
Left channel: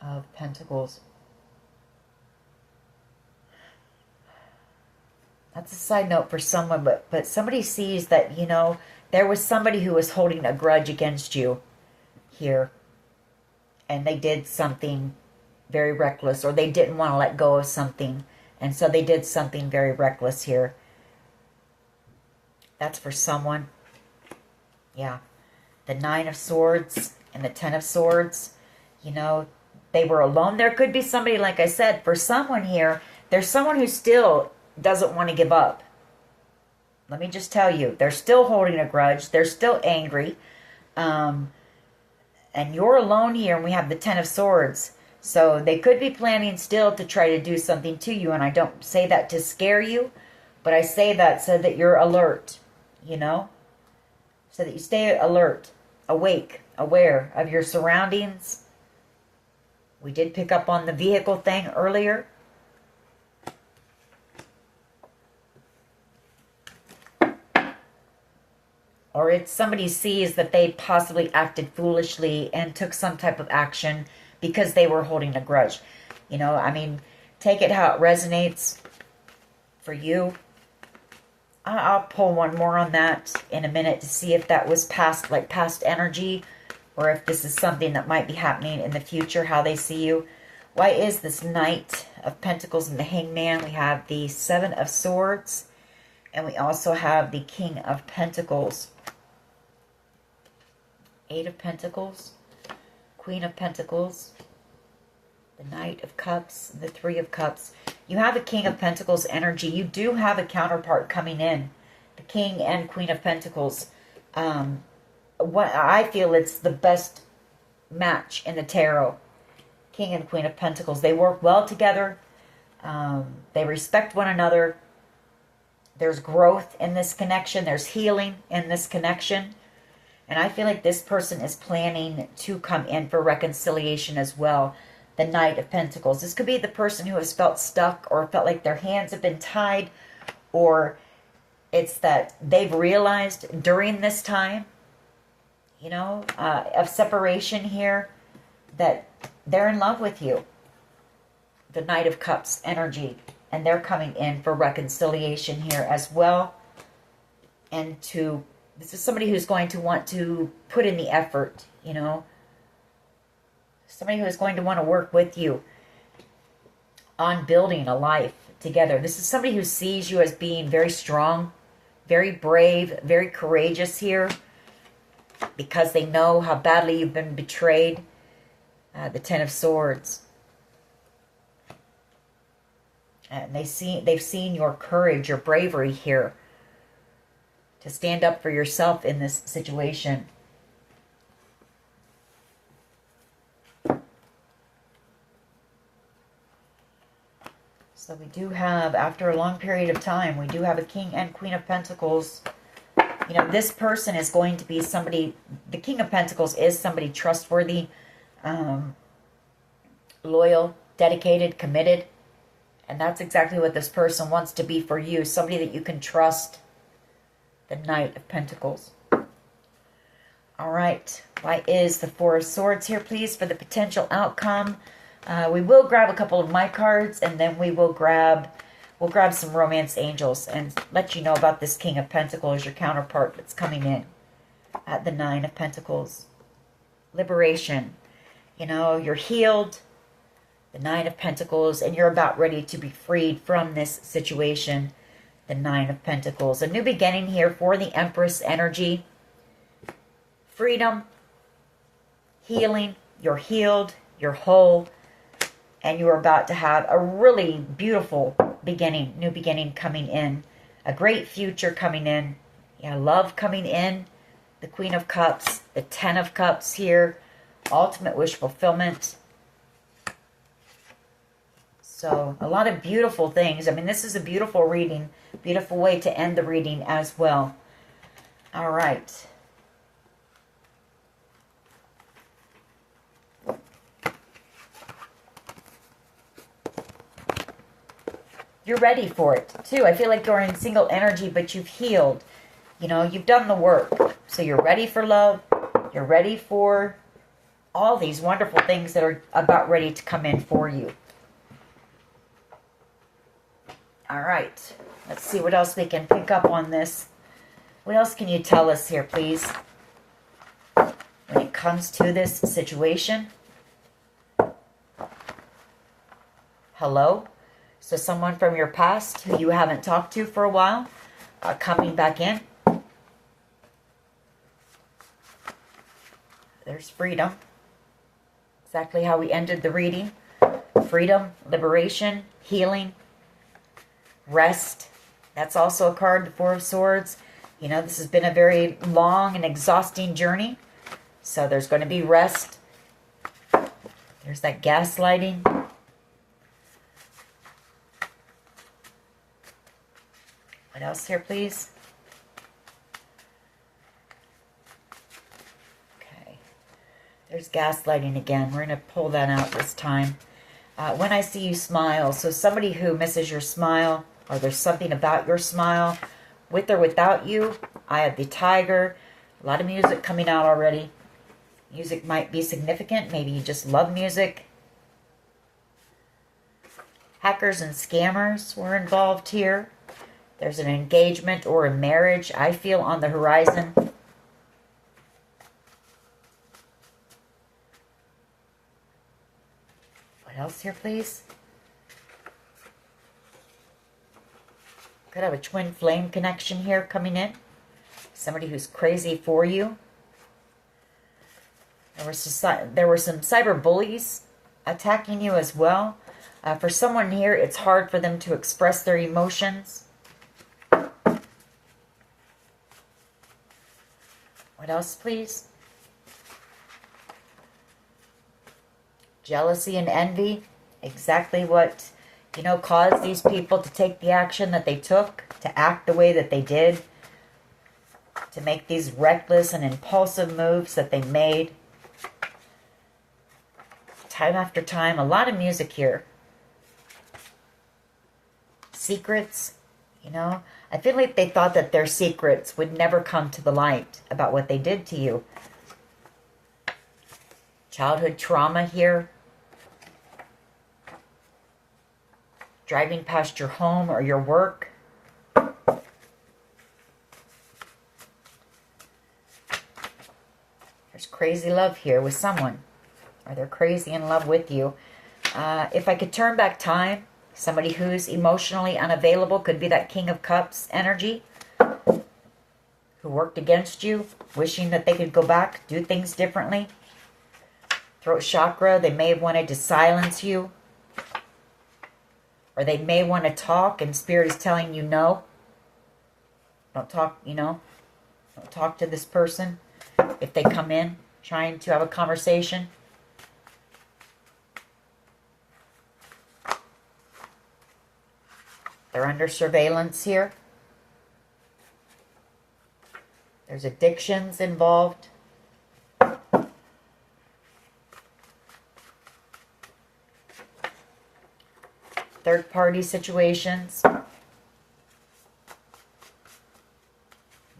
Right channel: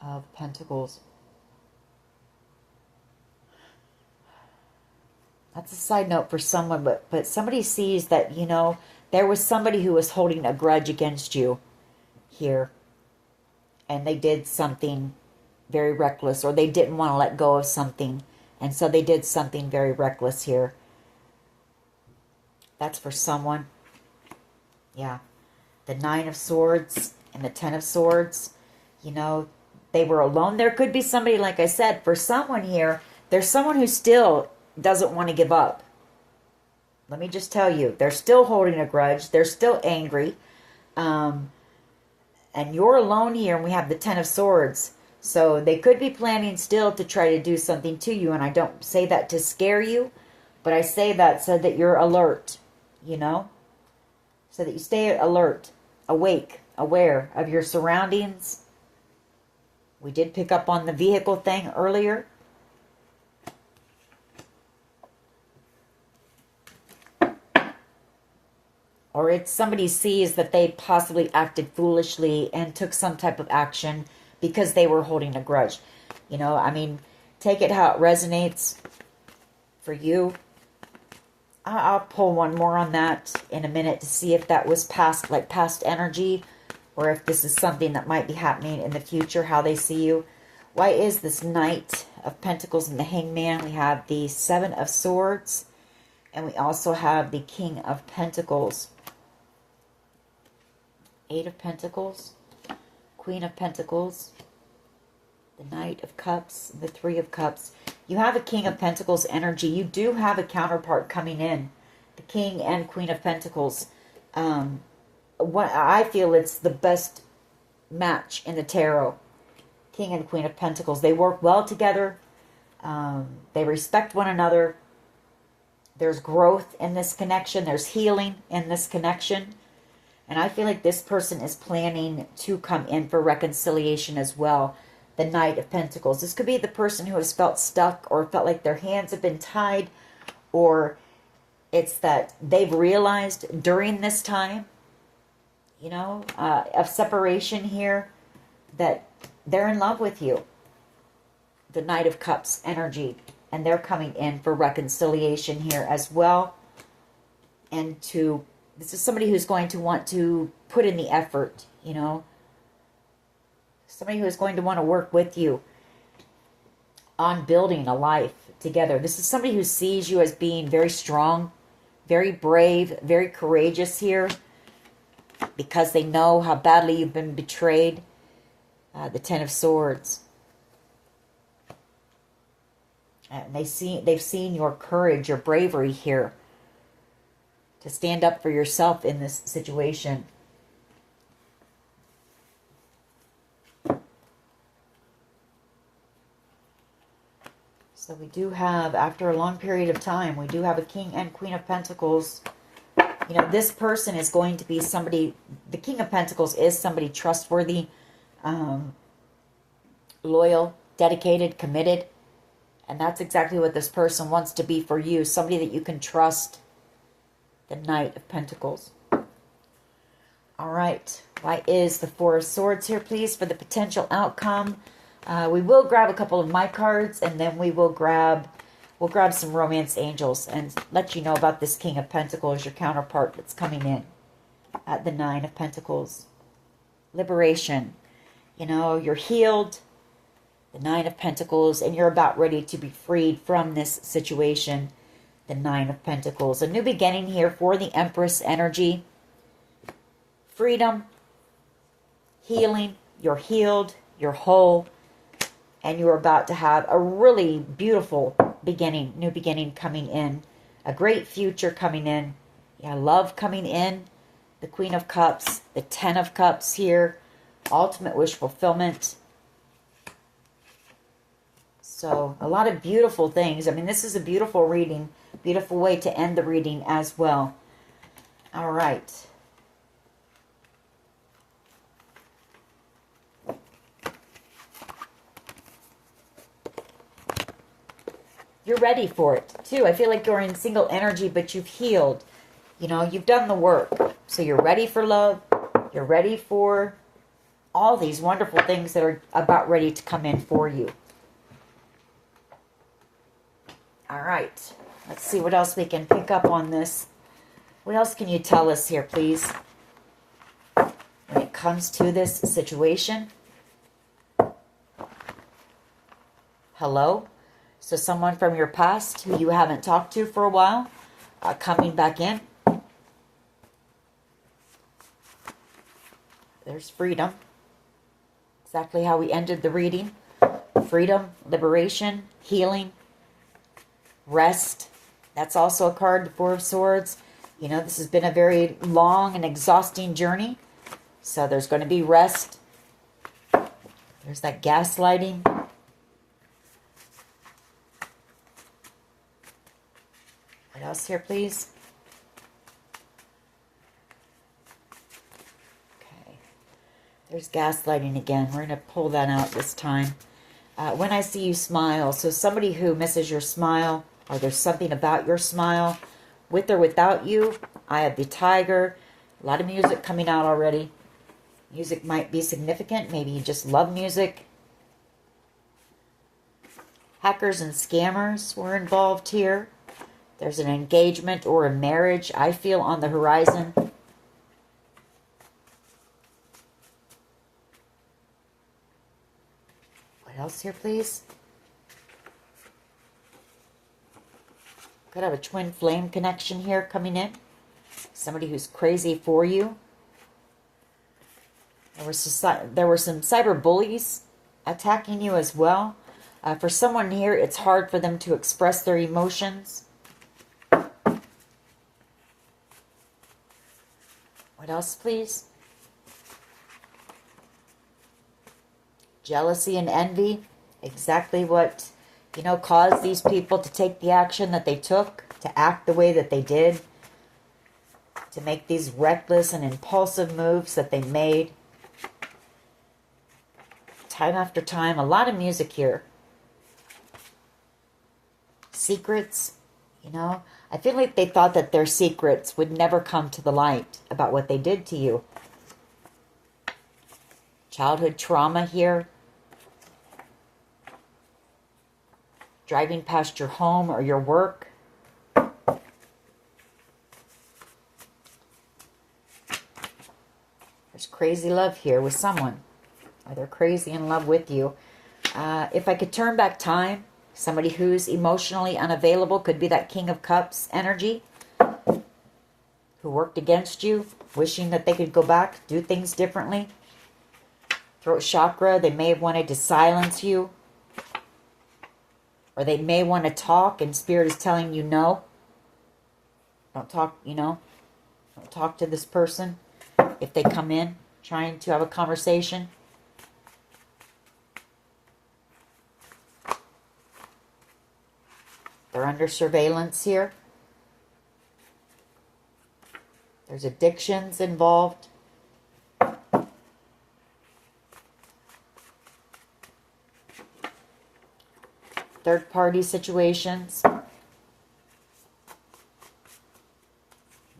of Pentacles. That's a side note for someone, but somebody sees that, you know, there was somebody who was holding a grudge against you here. And they did something very reckless, or they didn't want to let go of something. And so they did something very reckless here. That's for someone. Yeah. The 9 of Swords and the 10 of Swords. You know, they were alone. There could be somebody, like I said, for someone here, there's someone who still doesn't want to give up. Let me just tell you, they're still holding a grudge. They're still angry. And you're alone here, and we have the 10 of Swords. So they could be planning still to try to do something to you. And I don't say that to scare you, but I say that so that you're alert, you know? So that you stay alert, awake, aware of your surroundings. We did pick up on the vehicle thing earlier. Or it's somebody sees that they possibly acted foolishly and took some type of action because they were holding a grudge. You know, I mean, take it how it resonates for you. I'll pull one more on that in a minute to see if that was past, like past energy, or if this is something that might be happening in the future, how they see you. Why is this Knight of Pentacles and the Hangman? We have the 7 of Swords, and we also have the King of Pentacles. 8 of Pentacles, Queen of Pentacles, the Knight of Cups, and the 3 of Cups. You have a King of Pentacles energy. You do have a counterpart coming in. The King and Queen of Pentacles. What I feel it's the best match in the tarot. King and Queen of Pentacles. They work well together. They respect one another. There's growth in this connection. There's healing in this connection. And I feel like this person is planning to come in for reconciliation as well. The Knight of Pentacles. This could be the person who has felt stuck or felt like their hands have been tied, or it's that they've realized during this time, you know, of separation here, that they're in love with you. The Knight of Cups energy. And they're coming in for reconciliation here as well. And this is somebody who's going to want to put in the effort, you know. Somebody who's going to want to work with you on building a life together. This is somebody who sees you as being very strong, very brave, very courageous here, because they know how badly you've been betrayed. The 10 of Swords. And they've seen your courage, your bravery here to stand up for yourself in this situation. So we do have, after a long period of time, we do have a King and Queen of Pentacles. You know, this person is going to be somebody, the King of Pentacles is somebody trustworthy, loyal, dedicated, committed. And that's exactly what this person wants to be for you. Somebody that you can trust. The Knight of Pentacles. All right. Why is the 4 of Swords here, please, for the potential outcome? We will grab a couple of my cards, and then we'll grab some Romance Angels and let you know about this King of Pentacles, your counterpart that's coming in at the 9 of Pentacles. Liberation. You know, you're healed. The 9 of Pentacles, and you're about ready to be freed from this situation. The 9 of Pentacles. A new beginning here for the Empress energy. Freedom. Healing. You're healed. You're whole. And you're about to have a really beautiful beginning. New beginning coming in. A great future coming in. Yeah, love coming in. The Queen of Cups. The 10 of Cups here. Ultimate wish fulfillment. So, a lot of beautiful things. I mean, this is a beautiful reading. Beautiful way to end the reading as well. All right. You're ready for it, too. I feel like you're in single energy, but you've healed. You know, you've done the work. So, you're ready for love. You're ready for all these wonderful things that are about ready to come in for you. All right, Let's see what else we can pick up on this. What else can you tell us here, please? When it comes to this situation. Hello? So someone from your past who you haven't talked to for a while, coming back in. There's freedom. Exactly how we ended the reading. Freedom, liberation, healing, rest. That's also a card, the Four of Swords. You know, this has been a very long and exhausting journey. So there's going to be rest. There's that gaslighting. What else here, please? Okay. There's gaslighting again. We're going to pull that out this time. When I see you smile. So somebody who misses your smile, or there's something about your smile, with or without you. I have the Tiger. A lot of music coming out already. Music might be significant. Maybe you just love music. Hackers and scammers were involved here. There's an engagement or a marriage, I feel, on the horizon. What else here, please? Could have a twin flame connection here coming in. Somebody who's crazy for you. There were some cyber bullies attacking you as well. For someone here, it's hard for them to express their emotions. What else, please? Jealousy and envy. Exactly what, you know, caused these people to take the action that they took, to act the way that they did, to make these reckless and impulsive moves that they made. Time after time, a lot of music here. Secrets, you know. I feel like they thought that their secrets would never come to the light about what they did to you. Childhood trauma here. Driving past your home or your work. There's crazy love here with someone. Or they're crazy in love with you. If I could turn back time, somebody who's emotionally unavailable, could be that King of Cups energy, who worked against you, wishing that they could go back, do things differently. Throat chakra, they may have wanted to silence you. Or they may want to talk and Spirit is telling you no. Don't talk, you know. Don't talk to this person if they come in trying to have a conversation. They're under surveillance here. There's addictions involved. Third-party situations.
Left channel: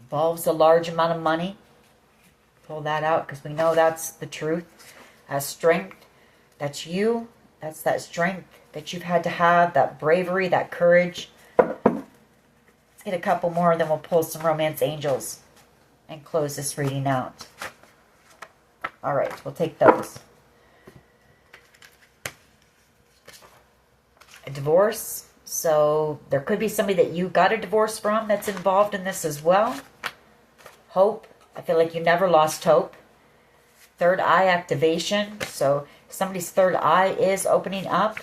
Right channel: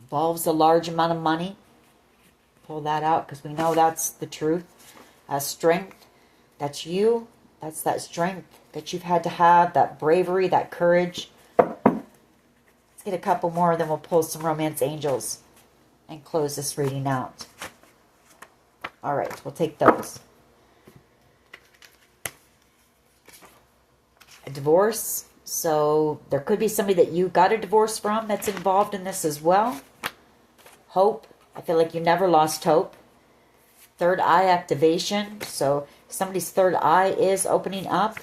Involves a large amount of money. Pull that out because we know that's the truth. Strength. That's you. That's that strength that you've had to have, that bravery, that courage. Let's get a couple more, then we'll pull some romance angels and close this reading out. All right, we'll take those. A divorce. So there could be somebody that you got a divorce from that's involved in this as well. Hope. I feel like you never lost hope. Third eye activation. So somebody's third eye is opening up.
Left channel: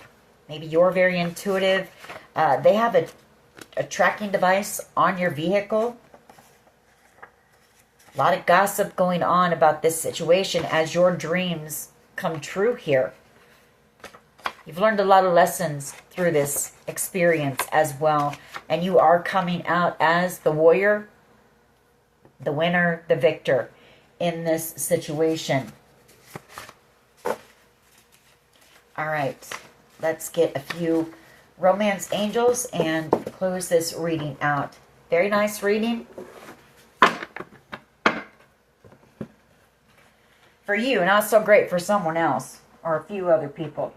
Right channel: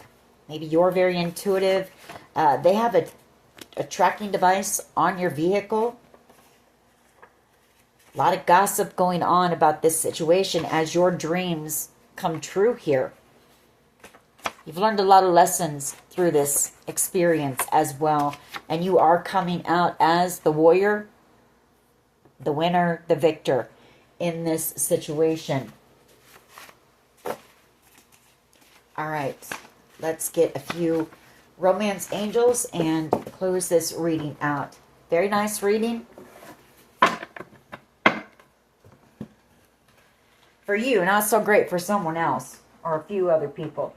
Maybe you're very intuitive. They have a tracking device on your vehicle. A lot of gossip going on about this situation as your dreams come true here. You've learned a lot of lessons through this experience as well. And you are coming out as the warrior, the winner, the victor in this situation. All right. Let's get a few romance angels and close this reading out. Very nice reading. For you, not so great for someone else or a few other people.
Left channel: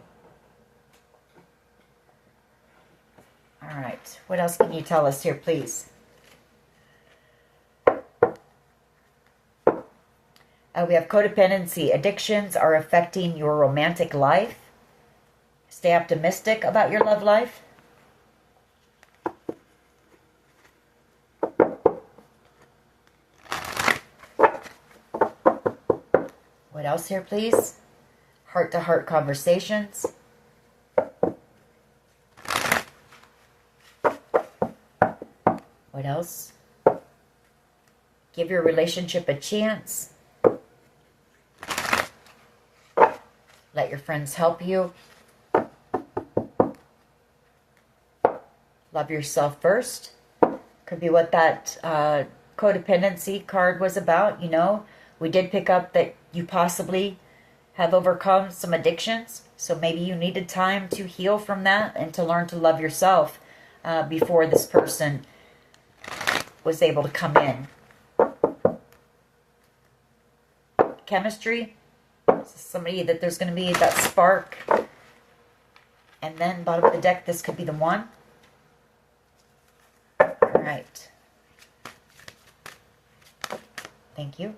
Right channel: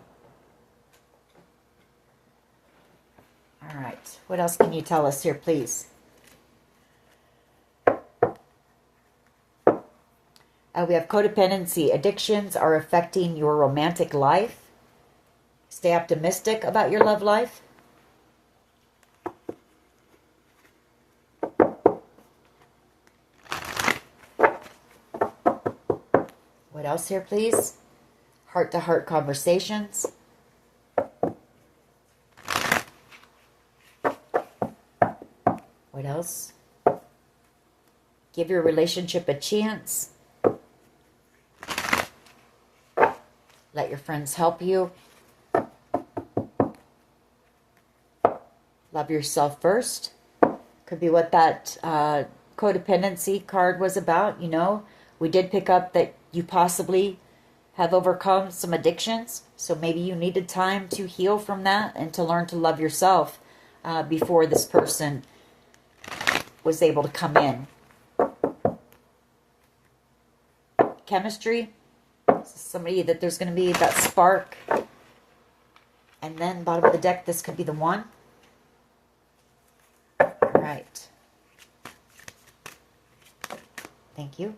All All right. What else can you tell us here, please? We have codependency. Addictions are affecting your romantic life. Stay optimistic about your love life. What else here, please? Heart-to-heart conversations. What else? Give your relationship a chance. Let your friends help you. Love yourself first. Could be what that codependency card was about. You know, we did pick up that you possibly have overcome some addictions. So maybe you needed time to heal from that and to learn to love yourself before this person was able to come in. Chemistry. Somebody that there's going to be that spark. And then bottom of the deck, this could be the one. All right. Thank you.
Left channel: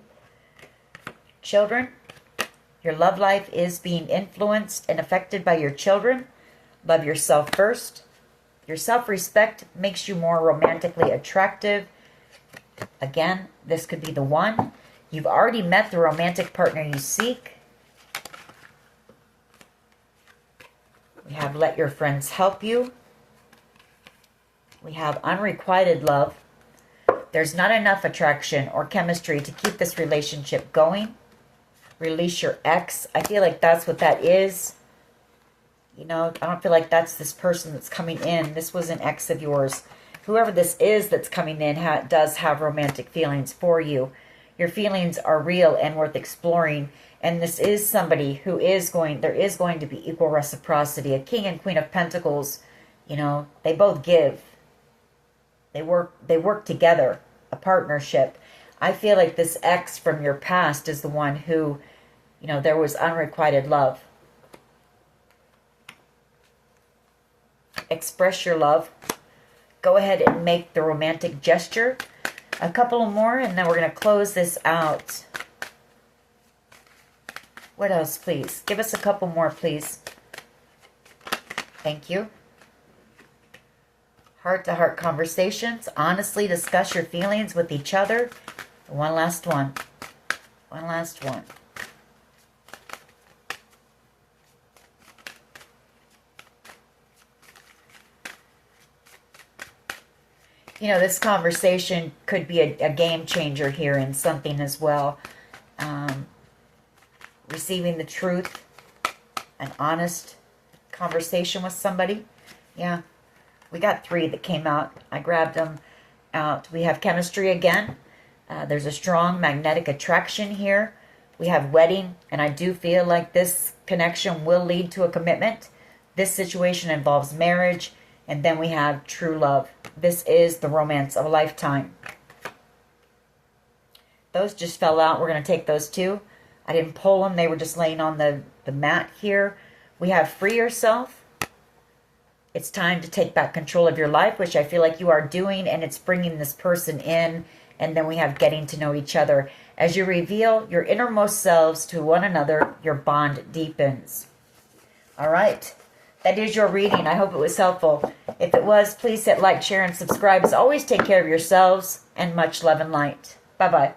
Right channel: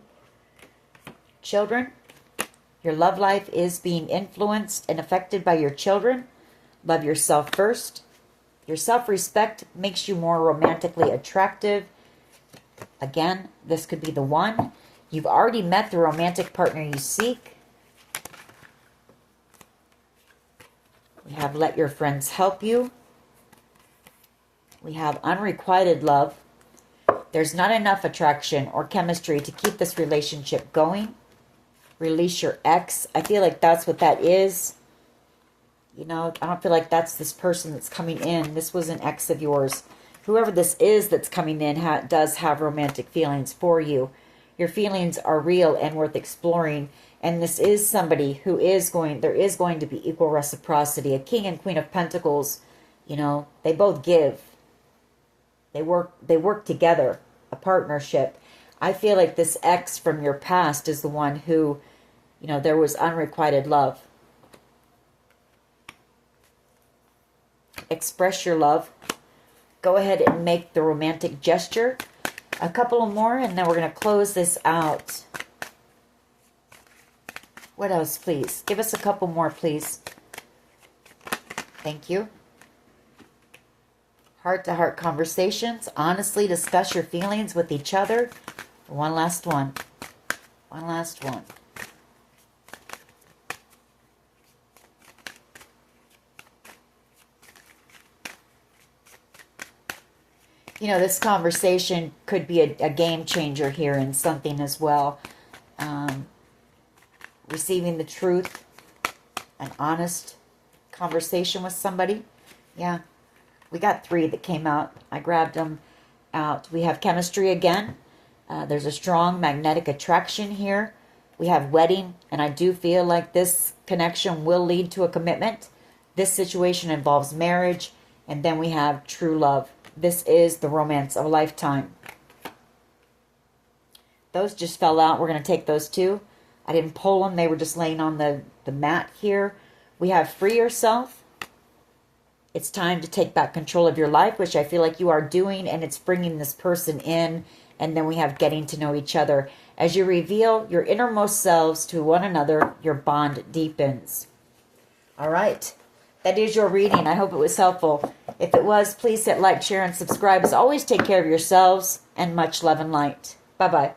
Children, your love life is being influenced and affected by your children. Love yourself first. Your self-respect makes you more romantically attractive. Again, this could be the one. You've already met the romantic partner you seek. We have let your friends help you. We have unrequited love. There's not enough attraction or chemistry to keep this relationship going. Release your ex. I feel like that's what that is. You know, I don't feel like that's this person that's coming in. This was an ex of yours. Whoever this is that's coming in does have romantic feelings for you. Your feelings are real and worth exploring. And this is somebody who is there is going to be equal reciprocity. A King and Queen of Pentacles, you know, they both give. They work together, a partnership. I feel like this ex from your past is the one who, you know, there was unrequited love. Express your love. Go ahead and make the romantic gesture. A couple more, and then we're going to close this out. What else, please? Give us a couple more, please. Thank you. Heart-to-heart conversations. Honestly discuss your feelings with each other. One last one. One last one. You know, this conversation could be a game changer here in something as well. Receiving the truth, an honest conversation with somebody. Yeah, we got 3 that came out. I grabbed them out. We have chemistry again. There's a strong magnetic attraction here. We have wedding, and I do feel like this connection will lead to a commitment. This situation involves marriage, and then we have true love. This is the romance of a lifetime. Those just fell out. We're going to take those 2. I didn't pull them. They were just laying on the mat here. We have free yourself. It's time to take back control of your life, which I feel like you are doing, and it's bringing this person in. And then we have getting to know each other. As you reveal your innermost selves to one another, your bond deepens. All right. That is your reading. I hope it was helpful. If it was, please hit like, share, and subscribe. As always, take care of yourselves, and much love and light. Bye-bye.